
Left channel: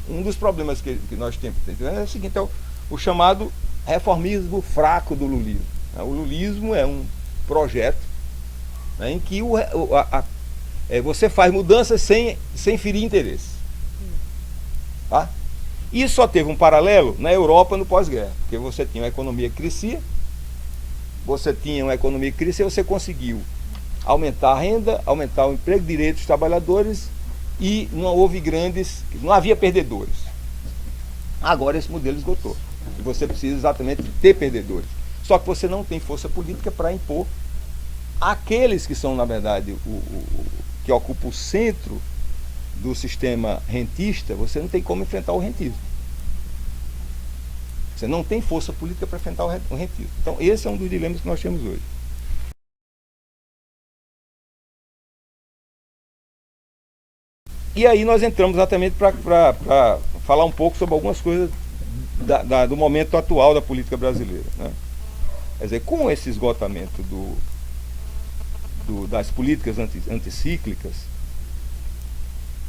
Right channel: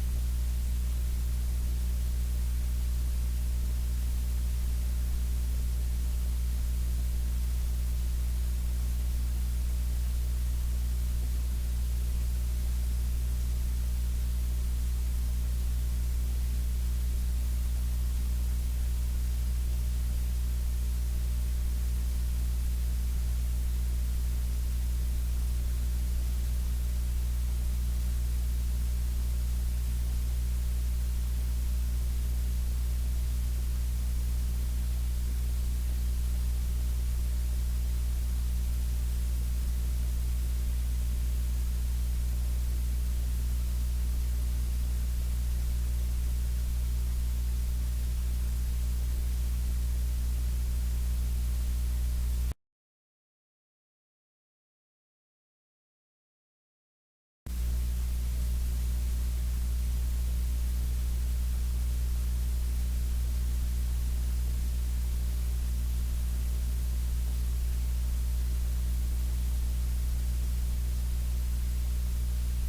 um dos problemas que nós temos. É o seguinte, é o chamado reformismo fraco do lulismo. O lulismo é um projeto, né, em que você faz mudanças sem ferir interesse. Tá? Isso só teve um paralelo na Europa no pós-guerra, porque você tinha uma economia que crescia, você conseguiu aumentar a renda, aumentar o emprego, direitos dos trabalhadores e não havia perdedores. Agora esse modelo esgotou. E você precisa exatamente ter perdedores. Só que você não tem força política para impor aqueles que são, na verdade, que ocupam o centro do sistema rentista. Você não tem como enfrentar o rentismo. Você não tem força política para enfrentar o rentismo. Então esse é um dos dilemas que nós temos hoje. E aí nós entramos exatamente para falar um pouco sobre algumas coisas do momento atual da política brasileira, né? Quer dizer, com esse esgotamento das políticas anticíclicas,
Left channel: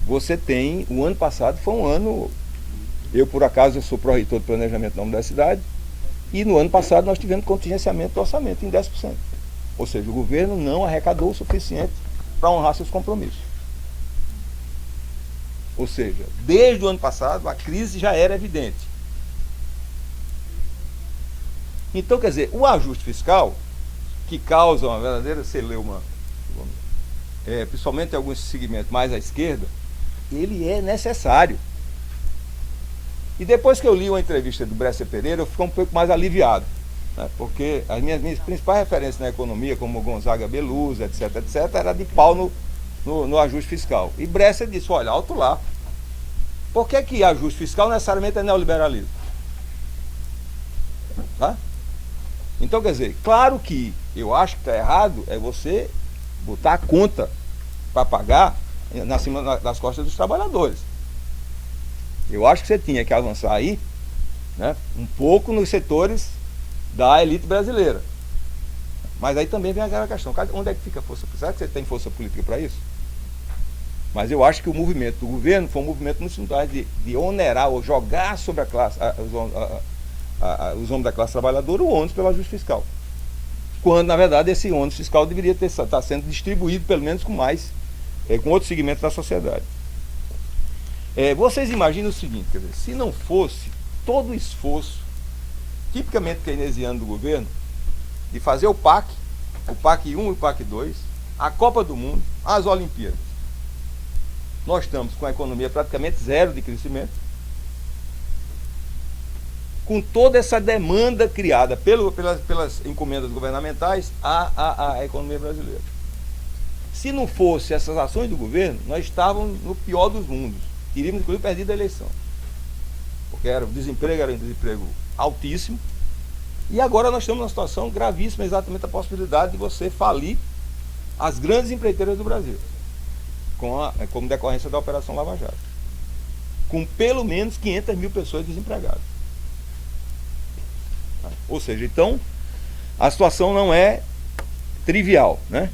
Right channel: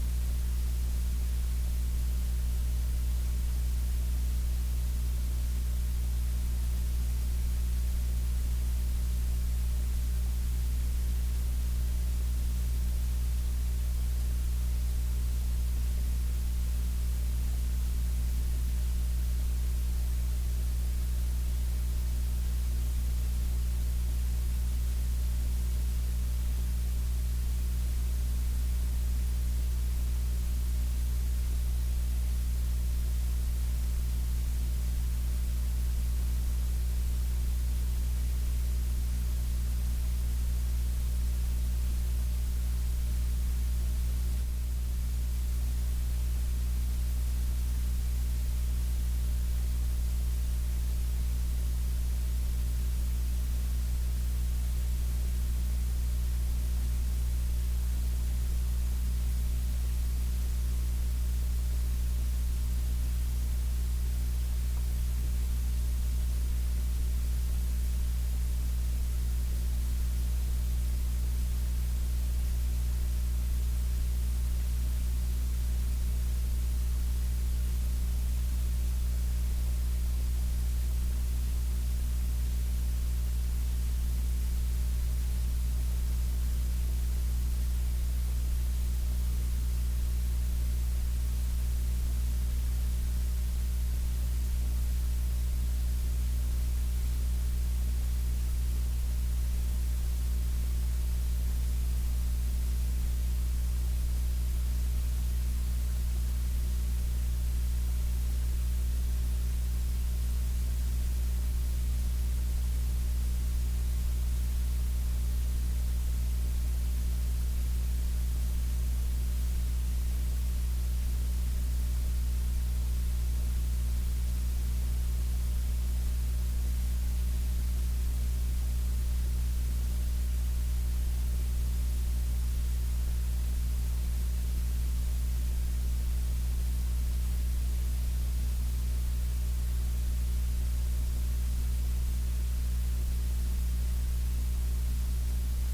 você tem, o ano passado foi um ano, eu por acaso eu sou pró-reitor de planejamento da universidade, e no ano passado nós tivemos contingenciamento do orçamento em 10%. Ou seja, o governo não arrecadou o suficiente para honrar seus compromissos. Ou seja, desde o ano passado a crise já era evidente. Então, quer dizer, o ajuste fiscal, que causa uma verdadeira celeuma, principalmente em alguns segmentos mais à esquerda, ele é necessário. E depois que eu li uma entrevista do Bresser Pereira, eu fiquei um pouco mais aliviado, né? Porque as minhas principais referências na economia, como Gonzaga Belusa, etc., era de pau no ajuste fiscal. E Bresser disse, olha, alto lá. Por que ajuste fiscal necessariamente é neoliberalismo? Tá? Então, quer dizer, claro que eu acho que está errado é você botar a conta para pagar acima das costas dos trabalhadores. Eu acho que você tinha que avançar aí, né, um pouco nos setores da elite brasileira. Mas aí também vem aquela questão, onde é que fica a força? Será que você tem força política para isso? Mas eu acho que o movimento do governo foi um movimento no sentido de onerar ou jogar sobre a classe, os homens da classe trabalhadora o ônus pelo ajuste fiscal. Quando, na verdade, esse ônus fiscal deveria estar sendo distribuído, pelo menos com outros segmentos da sociedade. Vocês imaginam o seguinte, quer dizer, se não fosse todo o esforço tipicamente keynesiano do governo de fazer o PAC 1 e o PAC 2, a Copa do Mundo, as Olimpíadas. Nós estamos com a economia praticamente zero de crescimento, com toda essa demanda criada pelas encomendas governamentais à economia brasileira. Se não fosse essas ações do governo, nós estávamos no pior dos mundos. Iríamos, inclusive, perdido a eleição. Porque o desemprego era um desemprego altíssimo. E agora nós estamos numa situação gravíssima, exatamente a possibilidade de você falir as grandes empreiteiras do Brasil, como decorrência da Operação Lava Jato, com pelo menos 500 mil pessoas desempregadas. Ou seja, então, a situação não é trivial, né?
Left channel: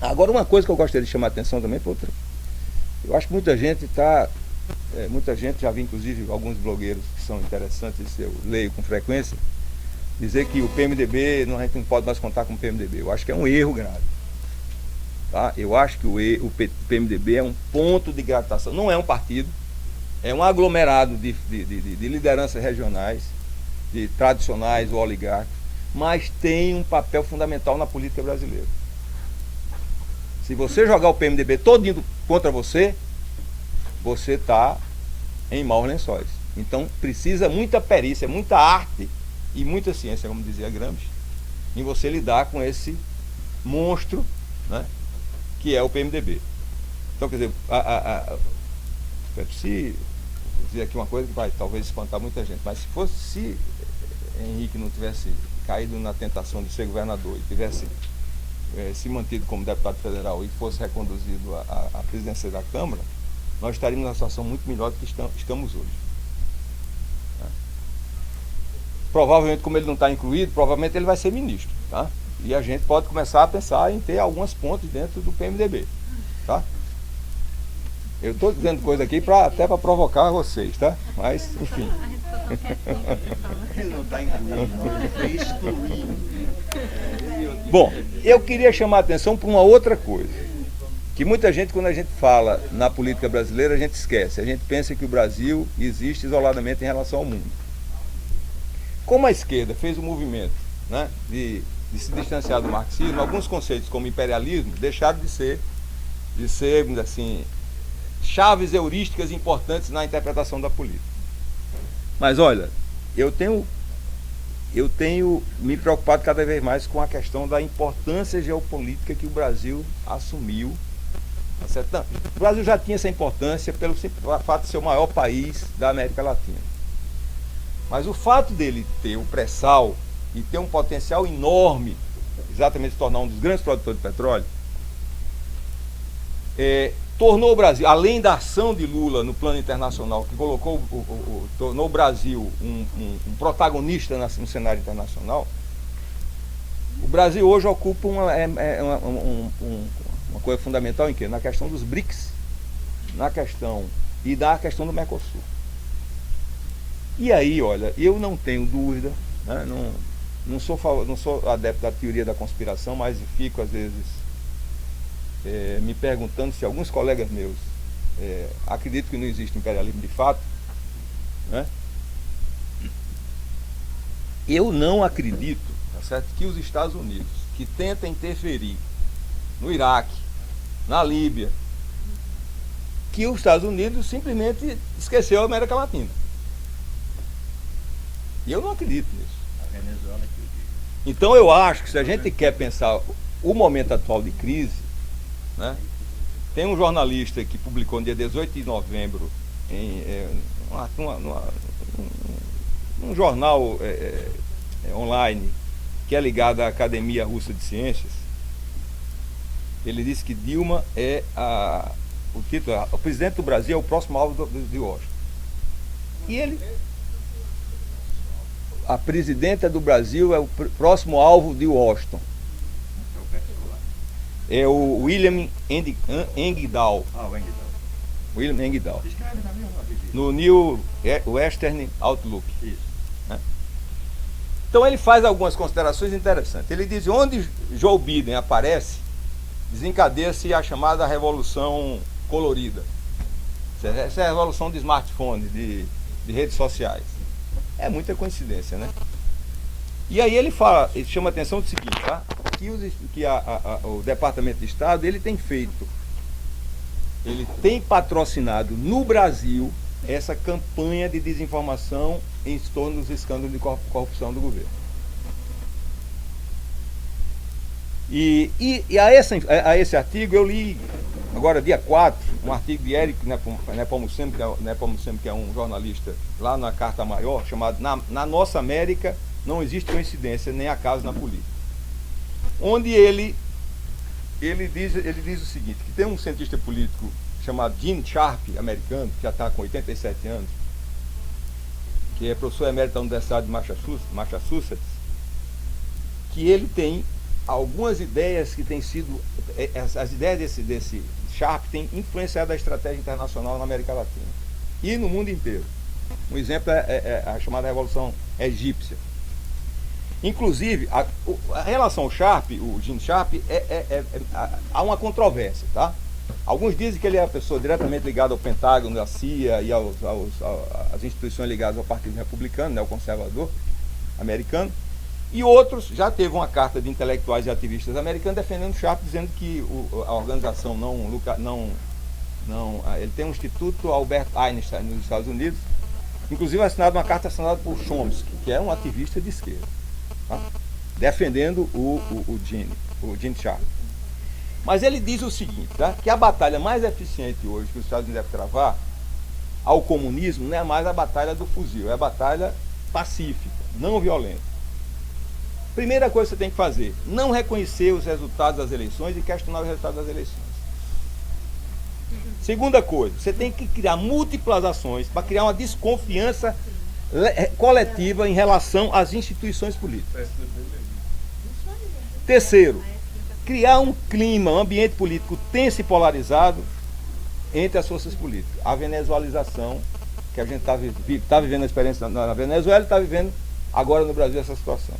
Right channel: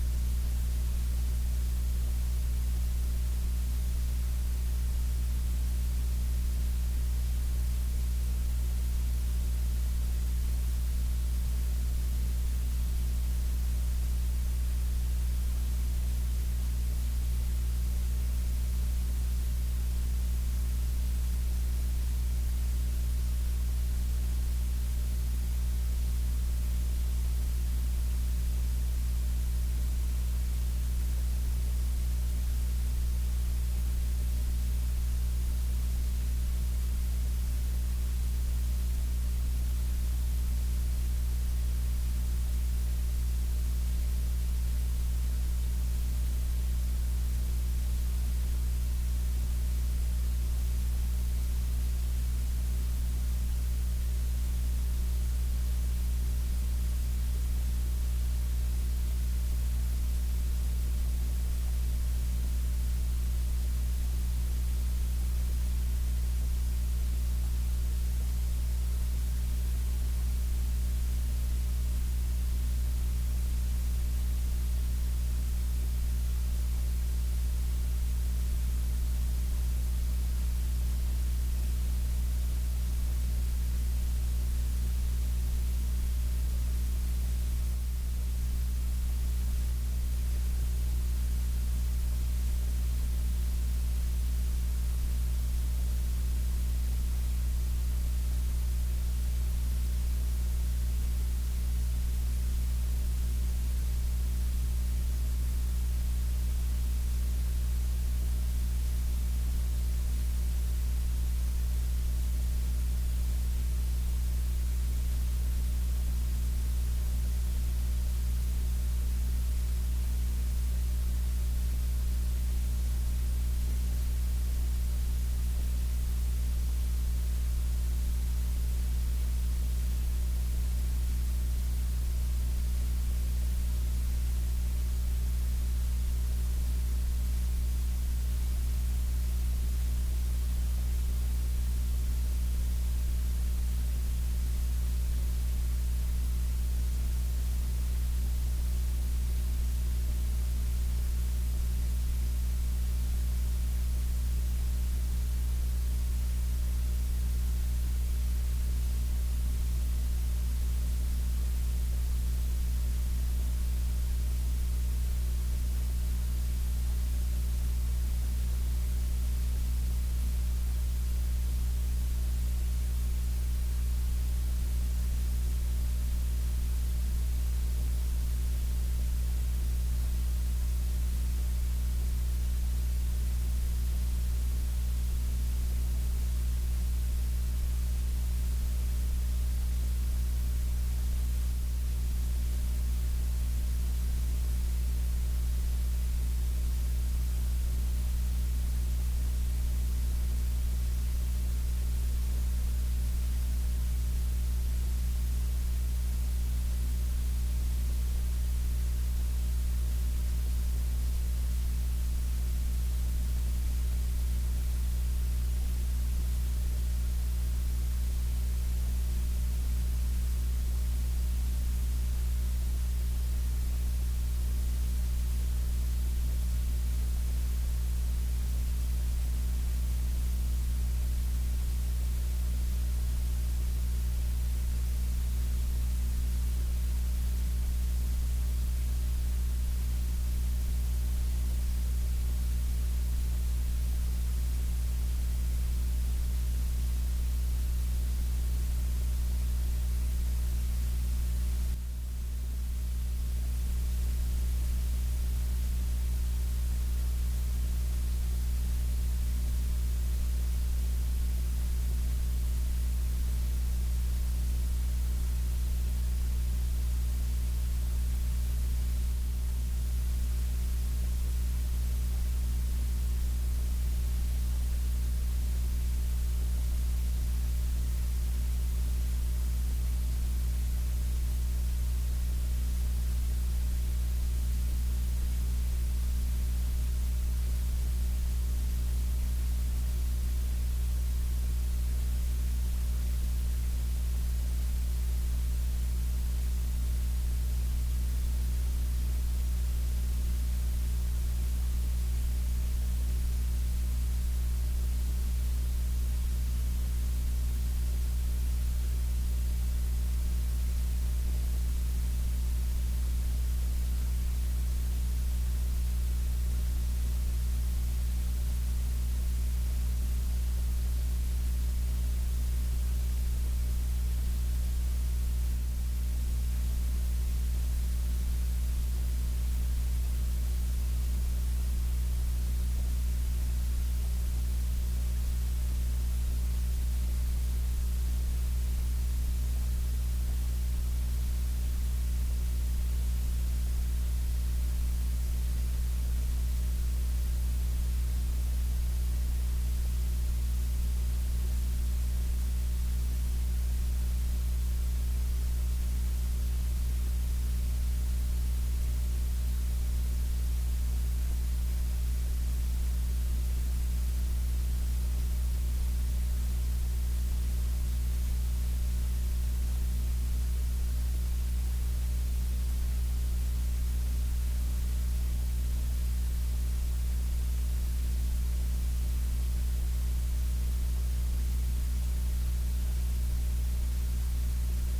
Agora, uma coisa que eu gostaria de chamar a atenção também para outra. Eu acho que muita gente já vi, inclusive, alguns blogueiros que são interessantes, eu leio com frequência, dizer que o PMDB, a gente não pode mais contar com o PMDB. Eu acho que é um erro grave. Tá? Eu acho que o PMDB é um ponto de gravitação, não é um partido, é um aglomerado de lideranças regionais, de tradicionais ou oligarcas, mas tem um papel fundamental na política brasileira. Se você jogar o PMDB todinho contra você, você está em maus lençóis. Então precisa muita perícia, muita arte e muita ciência, como dizia Gramsci, em você lidar com esse monstro, né, que é o PMDB. Então, quer dizer, se dizer aqui uma coisa que vai talvez espantar muita gente, mas se Henrique não tivesse caído na tentação de ser governador e tivesse se mantido como deputado federal e fosse reconduzido à presidência da Câmara, nós estaríamos numa situação muito melhor do que estamos hoje. Provavelmente, como ele não está incluído, provavelmente ele vai ser ministro, tá? E a gente pode começar a pensar em ter algumas pontes dentro do PMDB, tá? Eu estou dizendo coisa aqui até para provocar vocês, tá? Mas, enfim. Ele não está incluindo, ele está excluindo. Bom, eu queria chamar a atenção para uma outra coisa, que muita gente, quando a gente fala na política brasileira, a gente esquece. A gente pensa que o Brasil existe isoladamente em relação ao mundo. Como a esquerda fez um movimento, né, de se distanciar do marxismo, alguns conceitos como imperialismo deixaram de ser, assim, chaves heurísticas importantes na interpretação da política. Mas olha, eu tenho me preocupado cada vez mais com a questão da importância geopolítica que o Brasil assumiu. Tá? O Brasil já tinha essa importância pelo fato de ser o maior país da América Latina. Mas o fato dele ter o pré-sal e ter um potencial enorme, exatamente se tornar um dos grandes produtores de petróleo, tornou o Brasil, além da ação de Lula no plano internacional, que colocou, tornou o Brasil um protagonista no cenário internacional, o Brasil hoje ocupa uma coisa fundamental em quê? Na questão dos BRICS, na questão do Mercosul. E aí, olha, eu não tenho dúvida, né, não sou adepto da teoria da conspiração, mas fico às vezes me perguntando se alguns colegas meus acreditam que não existe imperialismo de fato, né? Eu não acredito, tá certo, que os Estados Unidos, que tentam interferir no Iraque, na Líbia, que os Estados Unidos simplesmente esqueceu a América Latina. E eu não acredito nisso. Então eu acho que se a gente quer pensar o momento atual de crise, né, tem um jornalista que publicou no dia 18 de novembro um jornal online que é ligado à Academia Russa de Ciências. Ele disse que Dilma o título é: o presidente do Brasil é o próximo alvo de Washington. E a presidenta do Brasil é o próximo alvo de Washington. É o William Engdahl. William Engdahl. No New Western Outlook. Né? Então ele faz algumas considerações interessantes. Ele diz: onde Joe Biden aparece, desencadeia-se a chamada revolução colorida. Essa é a revolução de smartphone, de redes sociais. É muita coincidência, né? E aí ele chama a atenção do seguinte, tá? Que o Departamento de Estado, ele tem patrocinado no Brasil essa campanha de desinformação em torno dos escândalos de corrupção do governo. E a esse artigo eu li, agora dia 4, um artigo de Eric Nepomuceno, que é um jornalista lá na Carta Maior, chamado Na Nossa América Não Existe Coincidência Nem Acaso na Política. Onde ele diz o seguinte, que tem um cientista político chamado Gene Sharp, americano, que já está com 87 anos, que é professor emérito da Universidade de Massachusetts, que ele tem algumas ideias que têm sido, as ideias desse Sharp têm influenciado a estratégia internacional na América Latina e no mundo inteiro. Um exemplo é a chamada Revolução Egípcia. Inclusive, a relação ao Sharp, o Gene Sharp, há uma controvérsia, tá? Alguns dizem que ele é a pessoa diretamente ligada ao Pentágono, à CIA e às instituições ligadas ao Partido Republicano, né, o conservador americano. E outros, já teve uma carta de intelectuais e ativistas americanos defendendo o Sharp, dizendo que a organização ele tem um instituto Albert Einstein nos Estados Unidos, inclusive assinado uma carta assinada por Chomsky, que é um ativista de esquerda, tá? Defendendo o Gene Sharp. Mas ele diz o seguinte, tá? Que a batalha mais eficiente hoje que os Estados Unidos devem travar ao comunismo não é mais a batalha do fuzil, é a batalha pacífica, não violenta. Primeira coisa que você tem que fazer, não reconhecer os resultados das eleições e questionar os resultados das eleições. Segunda coisa, você tem que criar múltiplas ações para criar uma desconfiança coletiva em relação às instituições políticas. Terceiro, criar um clima, um ambiente político tenso e polarizado entre as forças políticas. A venezualização, que a gente está vivendo a experiência na Venezuela e está vivendo agora no Brasil essa situação.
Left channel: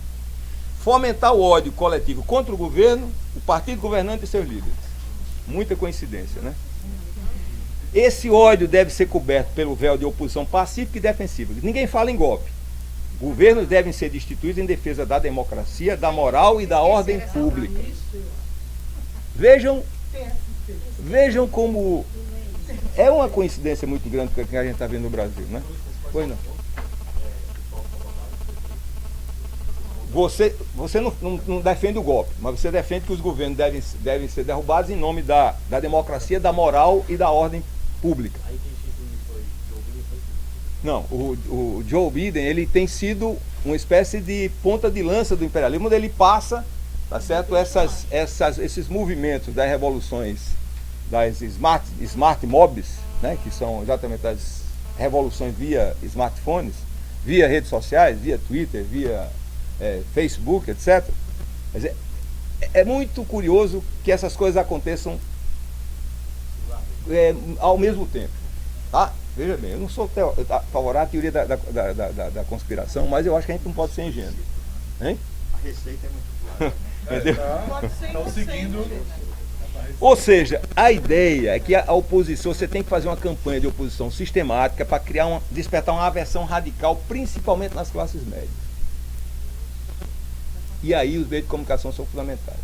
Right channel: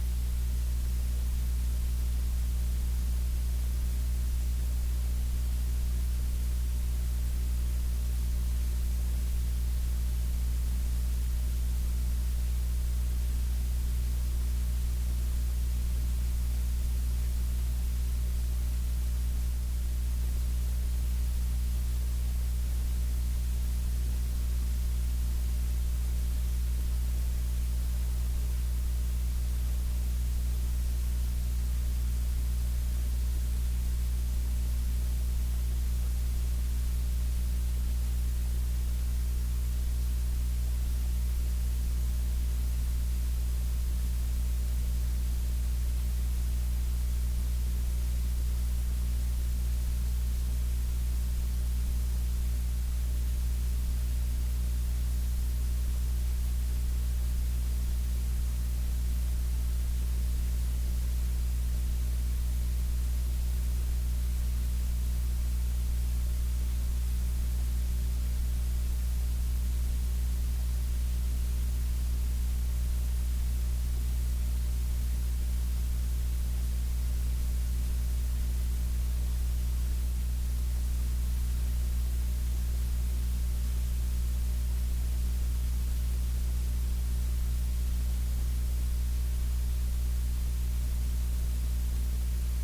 Fomentar o ódio coletivo contra o governo, o partido governante e seus líderes. Muita coincidência, né? Esse ódio deve ser coberto pelo véu de oposição pacífica e defensiva. Ninguém fala em golpe. Governos devem ser destituídos em defesa da democracia, da moral e da ordem pública. Vejam como é uma coincidência muito grande com o que a gente está vendo no Brasil, né? Pois não. Você não defende o golpe, mas você defende que os governos devem ser derrubados em nome da democracia, da moral e da ordem pública. Não, o Joe Biden, ele tem sido uma espécie de ponta de lança do imperialismo, onde ele passa, tá certo, esses movimentos das revoluções das smart mobs, né, que são exatamente as revoluções via smartphones, via redes sociais, via Twitter, via Facebook, etc. Quer dizer, é muito curioso que essas coisas aconteçam ao mesmo tempo. Tá? Veja bem, eu não sou favorável à teoria da conspiração, mas eu acho que a gente não pode ser ingênuo. Hein? A receita é muito clara. Entendeu? Estão seguindo. Ou seja, a ideia é que a oposição, você tem que fazer uma campanha de oposição sistemática para despertar uma aversão radical, principalmente nas classes médias. E aí os meios de comunicação são fundamentais.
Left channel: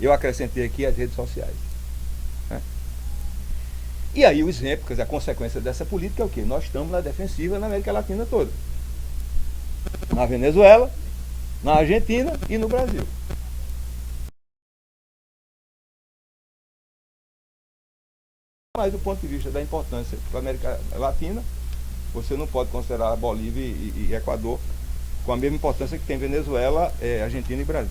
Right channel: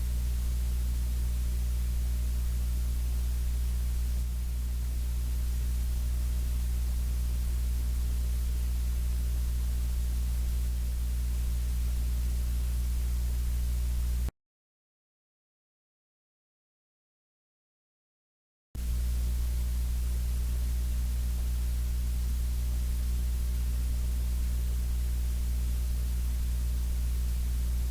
Eu acrescentei aqui as redes sociais. Né? E aí o exemplo, quer dizer, a consequência dessa política é o quê? Nós estamos na defensiva na América Latina toda. Na Venezuela, na Argentina e no Brasil. Mas do ponto de vista da importância para a América Latina, você não pode considerar Bolívia e Equador com a mesma importância que tem Venezuela, Argentina e Brasil.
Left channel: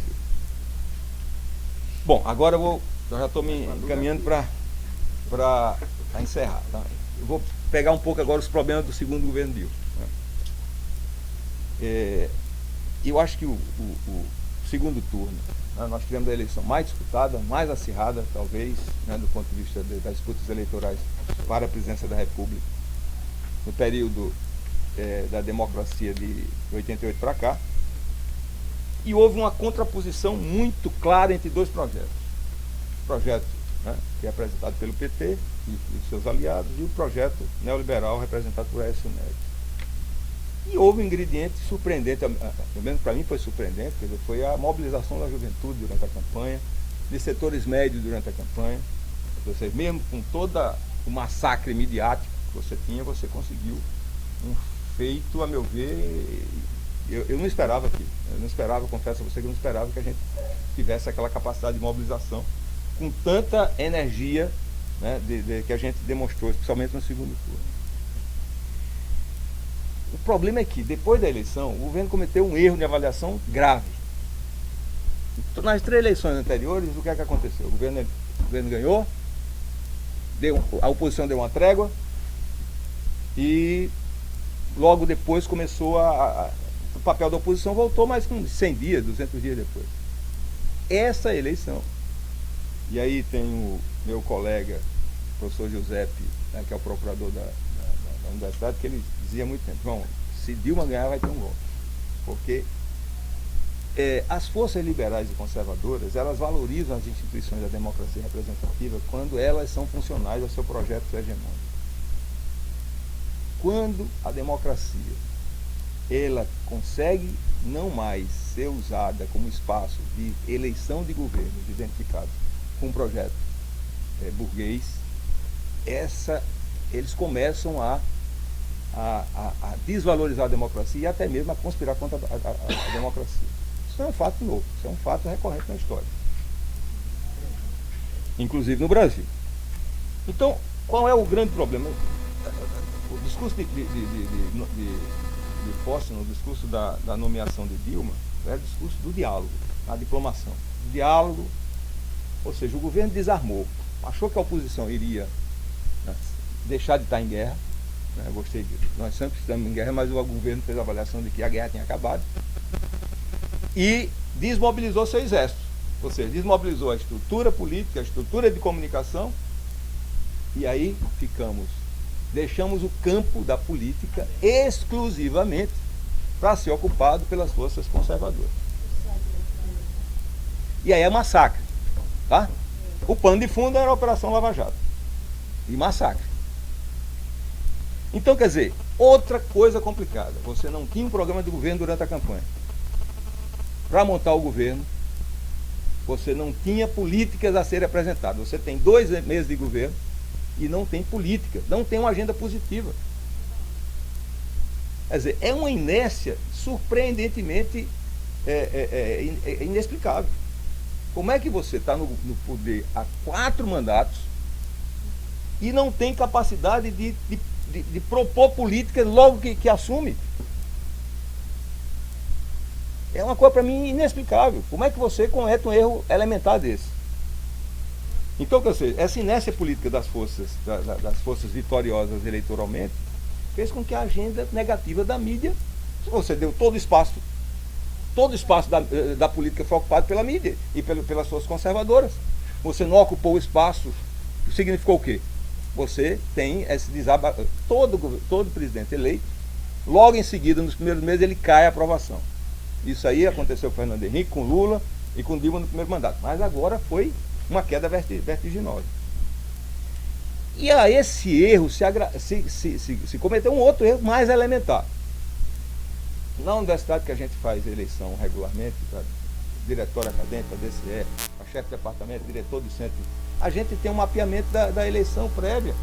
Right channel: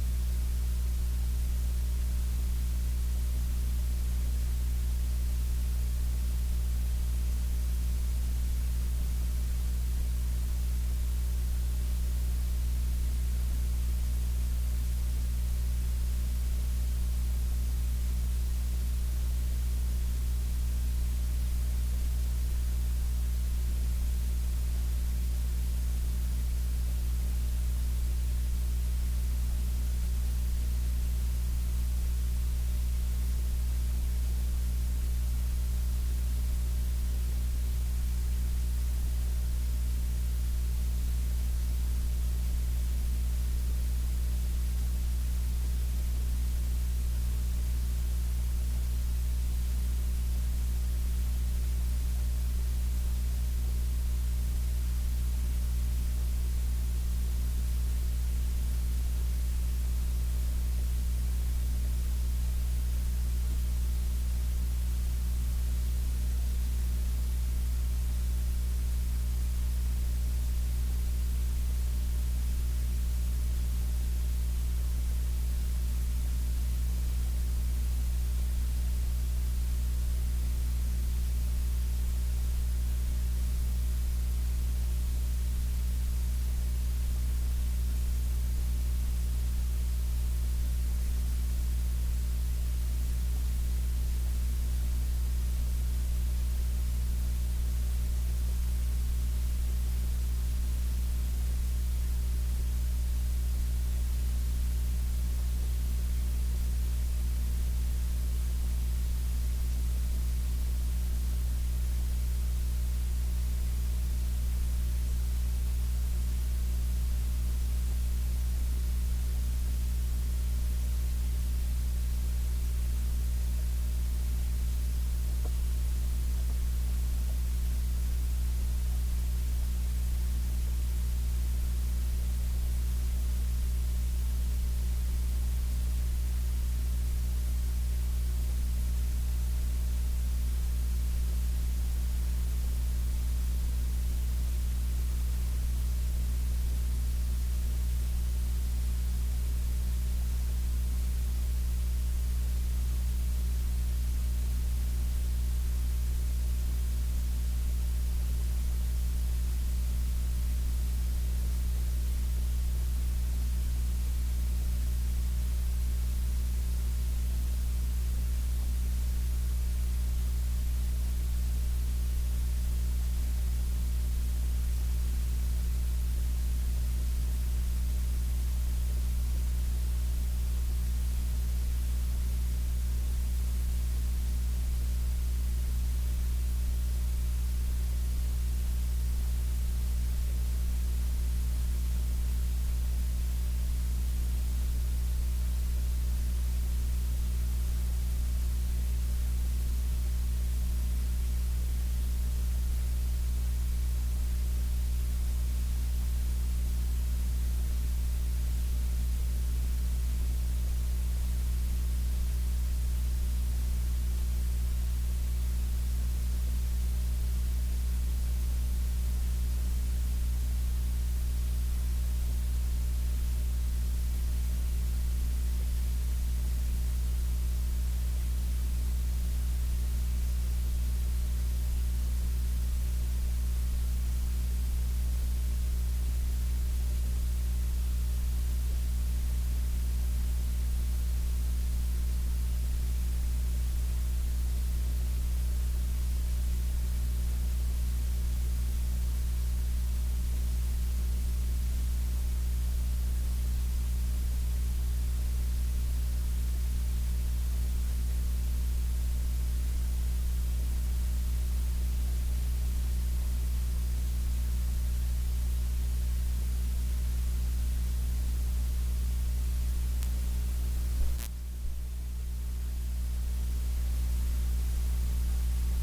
Bom, agora eu já estou me encaminhando para encerrar. Tá? Eu vou pegar um pouco agora os problemas do segundo governo Dilma. Eu acho que o segundo turno, nós tivemos a eleição mais disputada, mais acirrada, talvez, né, do ponto de vista das disputas eleitorais para a presidência da República, no período da democracia de 88 para cá. E houve uma contraposição muito clara entre dois projetos. O projeto, né, que é apresentado pelo PT e os seus aliados, e o projeto neoliberal representado por Aécio Neves. E houve um ingrediente surpreendente, pelo menos para mim foi surpreendente, quer dizer, foi a mobilização da juventude durante a campanha, de setores médios durante a campanha. Você, mesmo com todo o massacre midiático que você tinha, você conseguiu um feito, a meu ver, eu não esperava aquilo. Eu não esperava, confesso a você que eu não esperava que a gente tivesse aquela capacidade de mobilização com tanta energia, né, que a gente demonstrou, especialmente no segundo turno. O problema é que, depois da eleição, o governo cometeu um erro de avaliação grave. Então, nas 3 eleições anteriores, o que é que aconteceu? O governo ganhou, a oposição deu uma trégua e logo depois começou o papel da oposição voltou, mas com 100 dias, 200 dias depois. Essa eleição, e aí tem o meu colega, o professor Giuseppe, né, que é o procurador da universidade, que ele dizia muito tempo, João, se Dilma ganhar vai ter um golpe. Porque as forças liberais e conservadoras, elas valorizam as instituições da democracia representativa quando elas são funcionais ao seu projeto hegemônico. Quando a democracia ela consegue não mais ser usada como espaço de eleição de governos identificado com um projeto burguês, eles começam a desvalorizar a democracia e até mesmo a conspirar contra a democracia. Isso não é um fato novo, isso é um fato recorrente na história. Inclusive no Brasil. Então, qual é o grande problema? O discurso de Fóssil, o discurso da nomeação de Dilma, é o discurso do diálogo, da diplomação. O diálogo, ou seja, o governo desarmou, achou que a oposição iria deixar de estar em guerra. Eu gostei disso. Nós sempre estamos em guerra, mas o governo fez a avaliação de que a guerra tinha acabado e desmobilizou seu exército, ou seja, desmobilizou a estrutura política, a estrutura de comunicação, e aí deixamos o campo da política exclusivamente para ser ocupado pelas forças conservadoras. E aí é massacre, tá? O pano de fundo era a Operação Lava Jato e massacre. Então, quer dizer, outra coisa complicada, você não tinha um programa de governo durante a campanha. Para montar o governo, você não tinha políticas a serem apresentadas. Você tem 2 meses de governo e não tem política, não tem uma agenda positiva. Quer dizer, é uma inércia surpreendentemente inexplicável. Como é que você está no poder há 4 mandatos e não tem capacidade de propor políticas logo que assume? É uma coisa para mim inexplicável. Como é que você comete um erro elementar desse? Então, quer dizer, essa inércia política das forças vitoriosas eleitoralmente fez com que a agenda negativa da mídia, você deu todo o espaço da política foi ocupado pela mídia e pelas forças conservadoras. Você não ocupou o espaço, significou o quê? Você tem esse desabafo. Todo presidente eleito, logo em seguida, nos primeiros meses, ele cai a aprovação. Isso aí aconteceu com Fernando Henrique, com Lula e com Dilma no primeiro mandato. Mas agora foi uma queda vertiginosa. E a esse erro se cometeu um outro erro mais elementar. Na universidade que a gente faz eleição regularmente, para diretório acadêmico, para DCE, para chefe de departamento, diretor do centro, a gente tem um mapeamento da eleição prévia.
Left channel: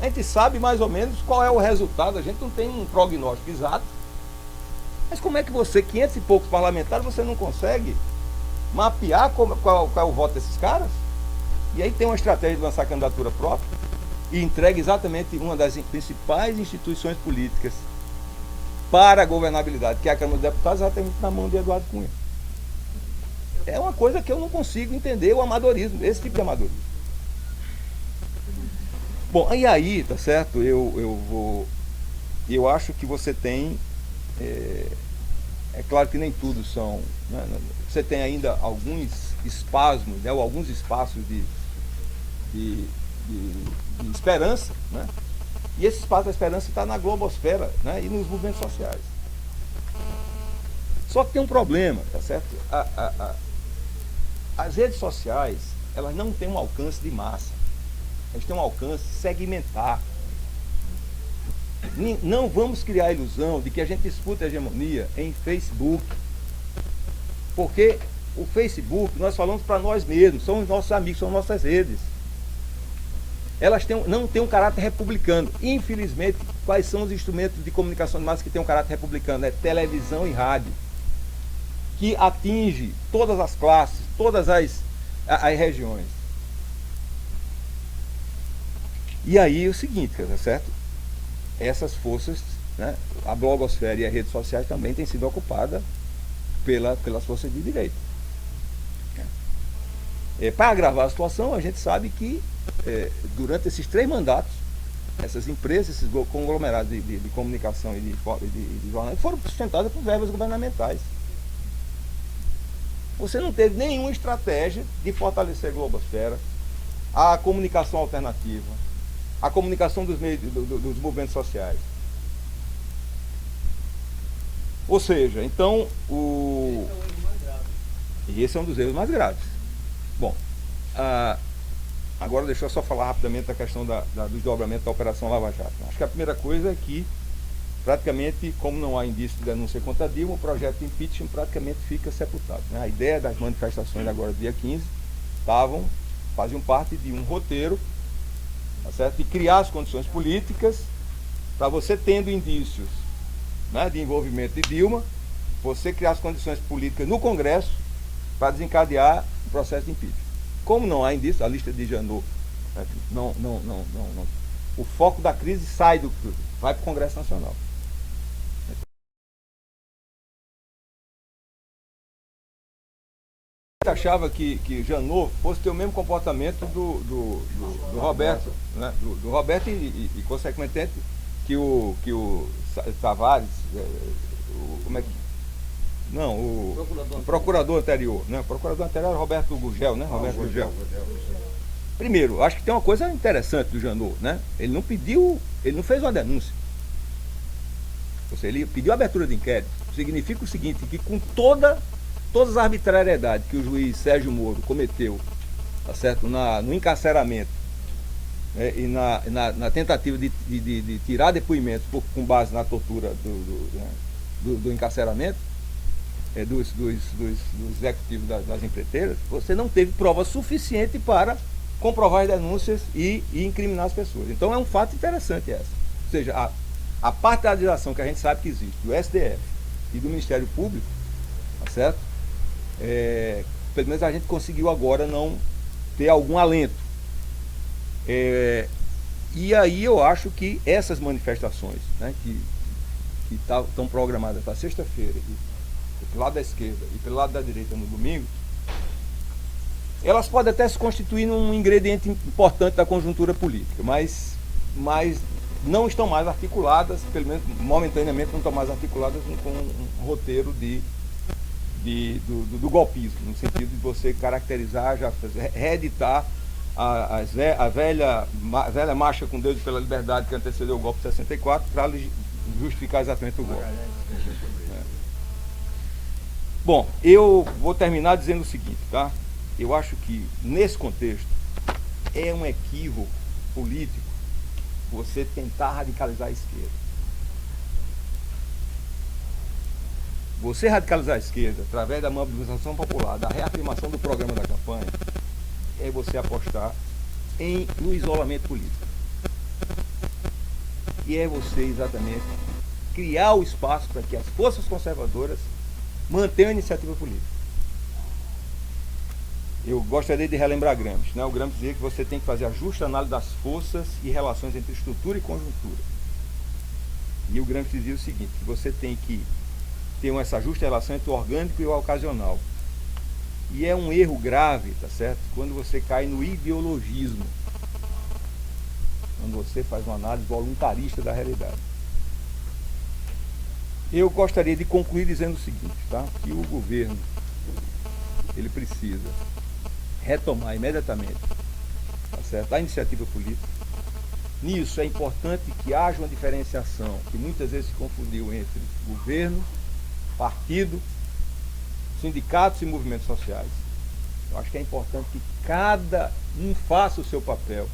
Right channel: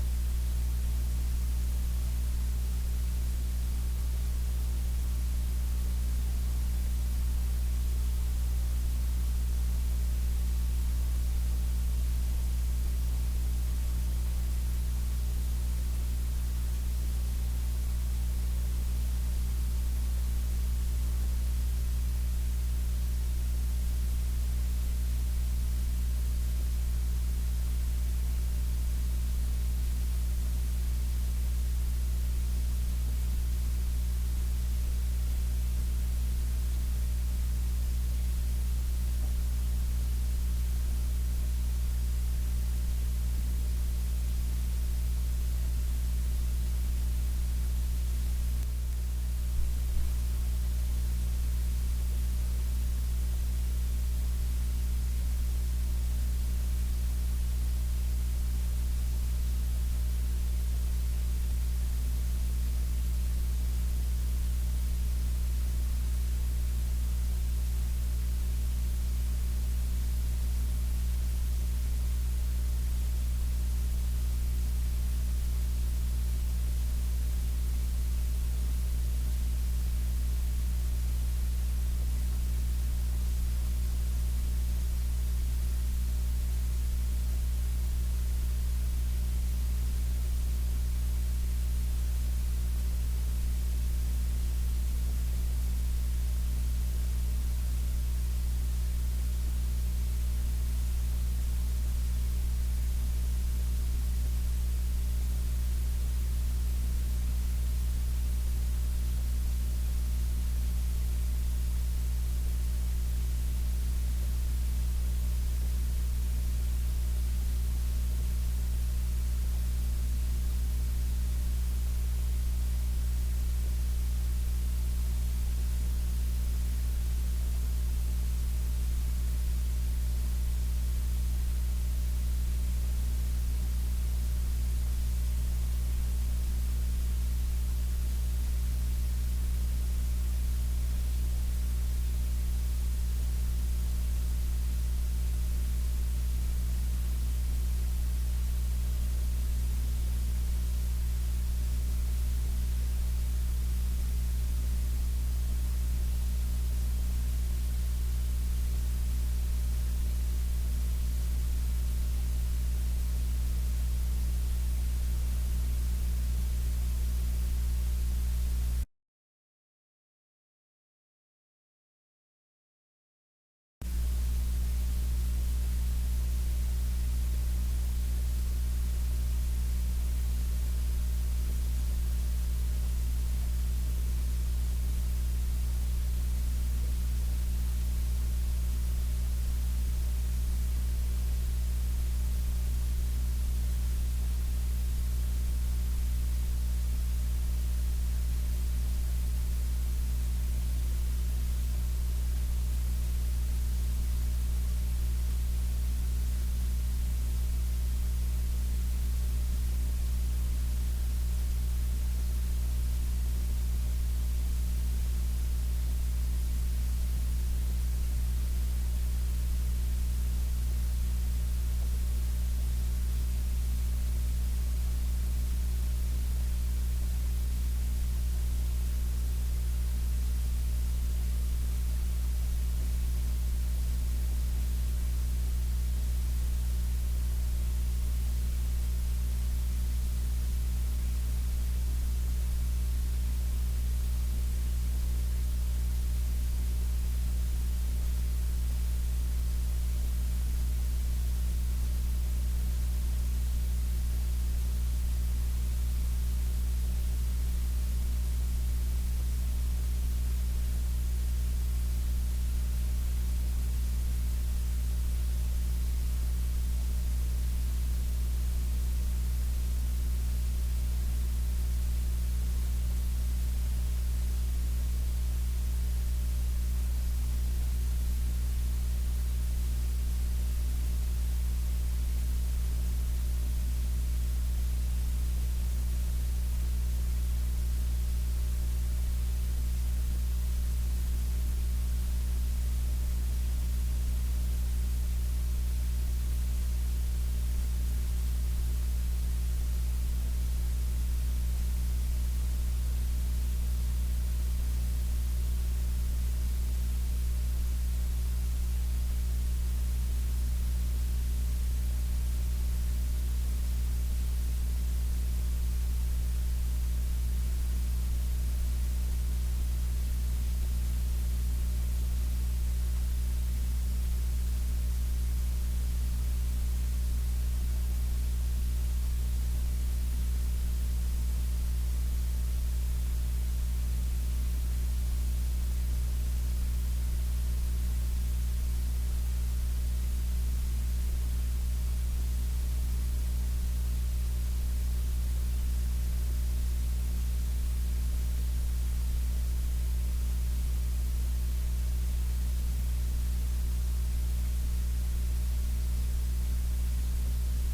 A gente sabe mais ou menos qual é o resultado, a gente não tem um prognóstico exato. Mas como é que você, 500 e poucos parlamentares, você não consegue mapear qual é o voto desses caras? E aí tem uma estratégia de lançar candidatura própria e entrega exatamente uma das principais instituições políticas para a governabilidade, que é a Câmara dos Deputados, exatamente na mão de Eduardo Cunha. É uma coisa que eu não consigo entender, o amadorismo, esse tipo de amadorismo. Bom, e aí, tá certo, eu acho que você tem, é claro que nem tudo são, né, você tem ainda alguns espasmos, né, ou alguns espaços de esperança, né? E esse espaço da esperança está na globosfera, né, e nos movimentos sociais. Só que tem um problema, tá certo? As redes sociais, elas não têm um alcance de massa. Elas têm um alcance segmentar. Não vamos criar a ilusão de que a gente disputa a hegemonia em Facebook. Porque o Facebook, nós falamos para nós mesmos, são os nossos amigos, são nossas redes. Elas não têm um caráter republicano. Infelizmente, quais são os instrumentos de comunicação de massa que têm um caráter republicano? É televisão e rádio, que atinge todas as classes, todas as regiões. E aí é o seguinte, tá certo? Essas forças, né, a blogosfera e as redes sociais também têm sido ocupadas pelas forças de direita. Para agravar a situação, a gente sabe que durante esses 3 mandatos, essas empresas, esses conglomerados de comunicação e de jornais foram sustentadas por verbas governamentais. Você não teve nenhuma estratégia de fortalecer a globosfera, a comunicação alternativa, a comunicação dos meios dos movimentos sociais. Ou seja, então, e esse é um dos erros mais graves. Bom, agora deixa eu só falar rapidamente da questão do desdobramento da Operação Lava Jato. Acho que a primeira coisa é que, praticamente, como não há indício de denúncia contra Dilma, o projeto de impeachment praticamente fica sepultado, né? A ideia das manifestações agora, dia 15, faziam parte de um roteiro, tá certo? De criar as condições políticas para você, tendo indícios, né, de envolvimento de Dilma, você criar as condições políticas no Congresso para desencadear o processo de impeachment. Como não há indício, a lista de Janot, né, não, o foco da crise vai para o Congresso Nacional. Eu achava que Janot fosse ter o mesmo comportamento do Roberto, né? do Roberto e consequentemente, que o Tavares, como é que... Não, o procurador anterior, né? O procurador anterior era Roberto Gugel, né? Roberto Gugel. Primeiro, acho que tem uma coisa interessante do Janot, né? Ele não fez uma denúncia. Ou seja, ele pediu a abertura de inquérito. Significa o seguinte, que com todas as arbitrariedades que o juiz Sérgio Moro cometeu, tá certo? No encarceramento, e na tentativa de tirar depoimento com base na tortura do encarceramento, dos executivos das empreiteiras, você não teve prova suficiente para comprovar as denúncias e incriminar as pessoas. Então é um fato interessante essa. Ou seja, a partidarização que a gente sabe que existe do STF e do Ministério Público, tá certo? Pelo menos a gente conseguiu agora não ter algum alento. E aí eu acho que essas manifestações, né, que estão programadas para sexta-feira, pelo lado da esquerda e pelo lado da direita no domingo, elas podem até se constituir num ingrediente importante da conjuntura política, mas não estão mais articuladas, pelo menos momentaneamente não estão mais articuladas com um roteiro do golpismo, no sentido de você caracterizar, já reeditar a velha marcha com Deus pela liberdade que antecedeu o golpe de 64 para justificar exatamente o golpe. Bom, eu vou terminar dizendo o seguinte, tá? Eu acho que, nesse contexto, é um equívoco político você tentar radicalizar a esquerda. Você radicalizar a esquerda através da mobilização popular, da reafirmação do programa da campanha, é você apostar no isolamento político. E é você, exatamente, criar o espaço para que as forças conservadoras mantenham a iniciativa política. Eu gostaria de relembrar Gramsci, né? O Gramsci dizia que você tem que fazer a justa análise das forças e relações entre estrutura e conjuntura. E o Gramsci dizia o seguinte, que você tem que ter essa justa relação entre o orgânico e o ocasional. E é um erro grave, tá certo? Quando você cai no ideologismo, quando você faz uma análise voluntarista da realidade. Eu gostaria de concluir dizendo o seguinte, tá? Que o governo, ele precisa retomar imediatamente, tá certo, a iniciativa política. Nisso é importante que haja uma diferenciação, que muitas vezes se confundiu entre governo, partido, sindicatos e movimentos sociais. Eu acho que é importante que cada um faça o seu papel,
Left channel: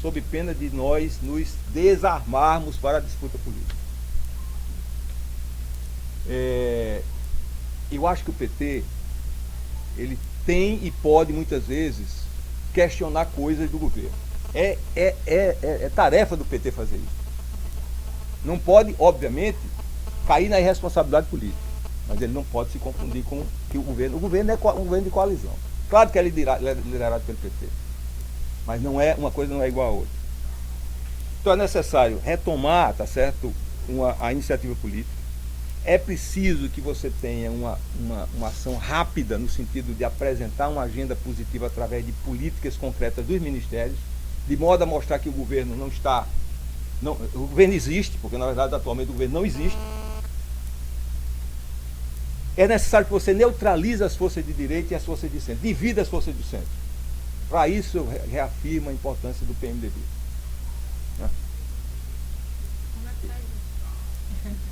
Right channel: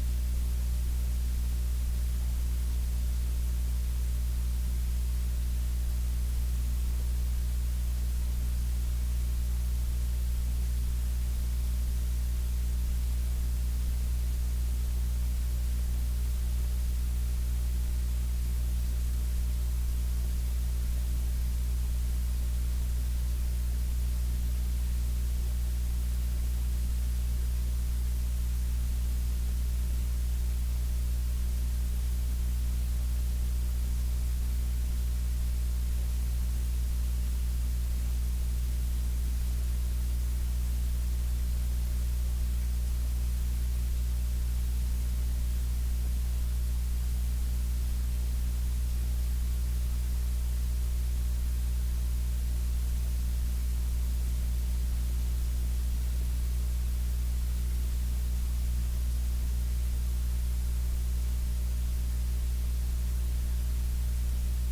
sob pena de nós nos desarmarmos para a disputa política. Eu acho que o PT, ele tem e pode muitas vezes questionar coisas do governo. É tarefa do PT fazer isso. Não pode, obviamente, cair na irresponsabilidade política, mas ele não pode se confundir com que o governo é um governo de coalizão. Claro que é liderado pelo PT, mas uma coisa não é igual a outra. Então é necessário retomar, tá certo, a iniciativa política. É preciso que você tenha uma ação rápida no sentido de apresentar uma agenda positiva através de políticas concretas dos ministérios, de modo a mostrar que o governo o governo existe, porque na verdade atualmente o governo não existe. É necessário que você neutralize as forças de direita e as forças de centro, divida as forças de centro. Para isso eu reafirmo a importância do PMDB. Né?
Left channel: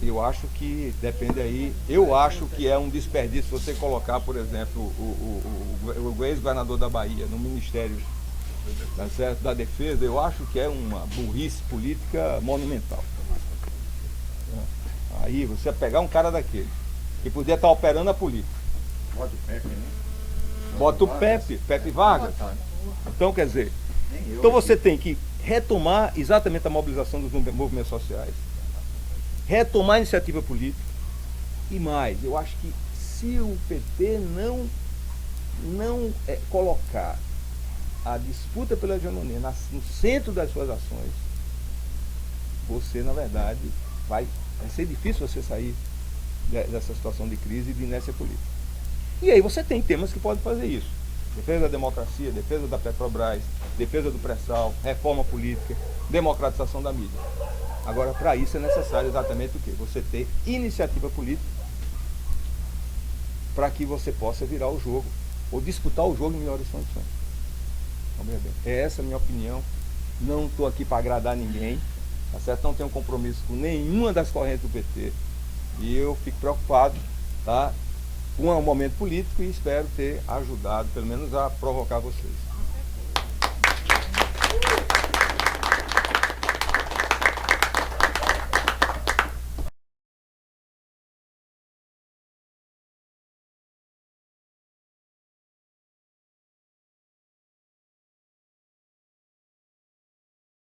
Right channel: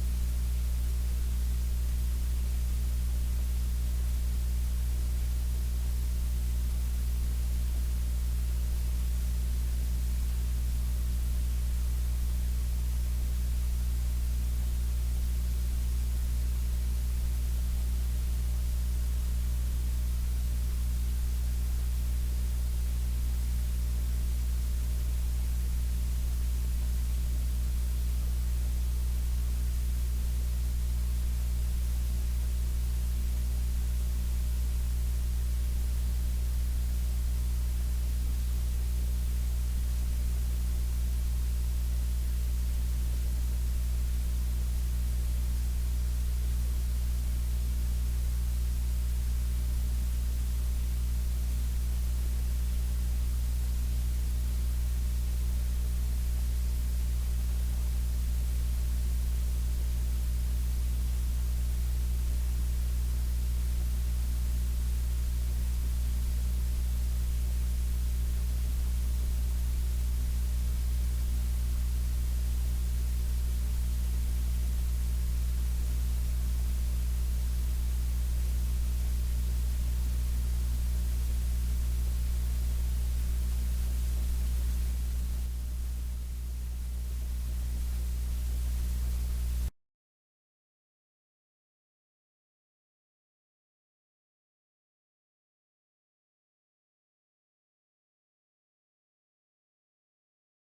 Eu acho que depende aí, eu acho que é um desperdício você colocar, por exemplo, o ex-governador da Bahia no Ministério da Defesa. Eu acho que é uma burrice política monumental. Aí você pegar um cara daquele, que podia estar operando a política. Bota o Pepe Vargas. Então, quer dizer, então você tem que retomar exatamente a mobilização dos movimentos sociais, retomar a iniciativa política e mais. Eu acho que se o PT não colocar a disputa pela hegemonia no centro das suas ações, você, na verdade, vai ser difícil você sair dessa situação de crise e de inércia política. E aí você tem temas que podem fazer isso. Defesa da democracia, defesa da Petrobras, defesa do pré-sal, reforma política, democratização da mídia. Agora, para isso é necessário exatamente o quê? Você ter iniciativa política para que você possa virar o jogo, ou disputar o jogo em melhores condições. É essa a minha opinião. Não estou aqui para agradar ninguém, tá certo? Não tenho compromisso com nenhuma das correntes do PT. E eu fico preocupado, tá, com o momento político e espero ter ajudado, pelo menos, a provocar vocês.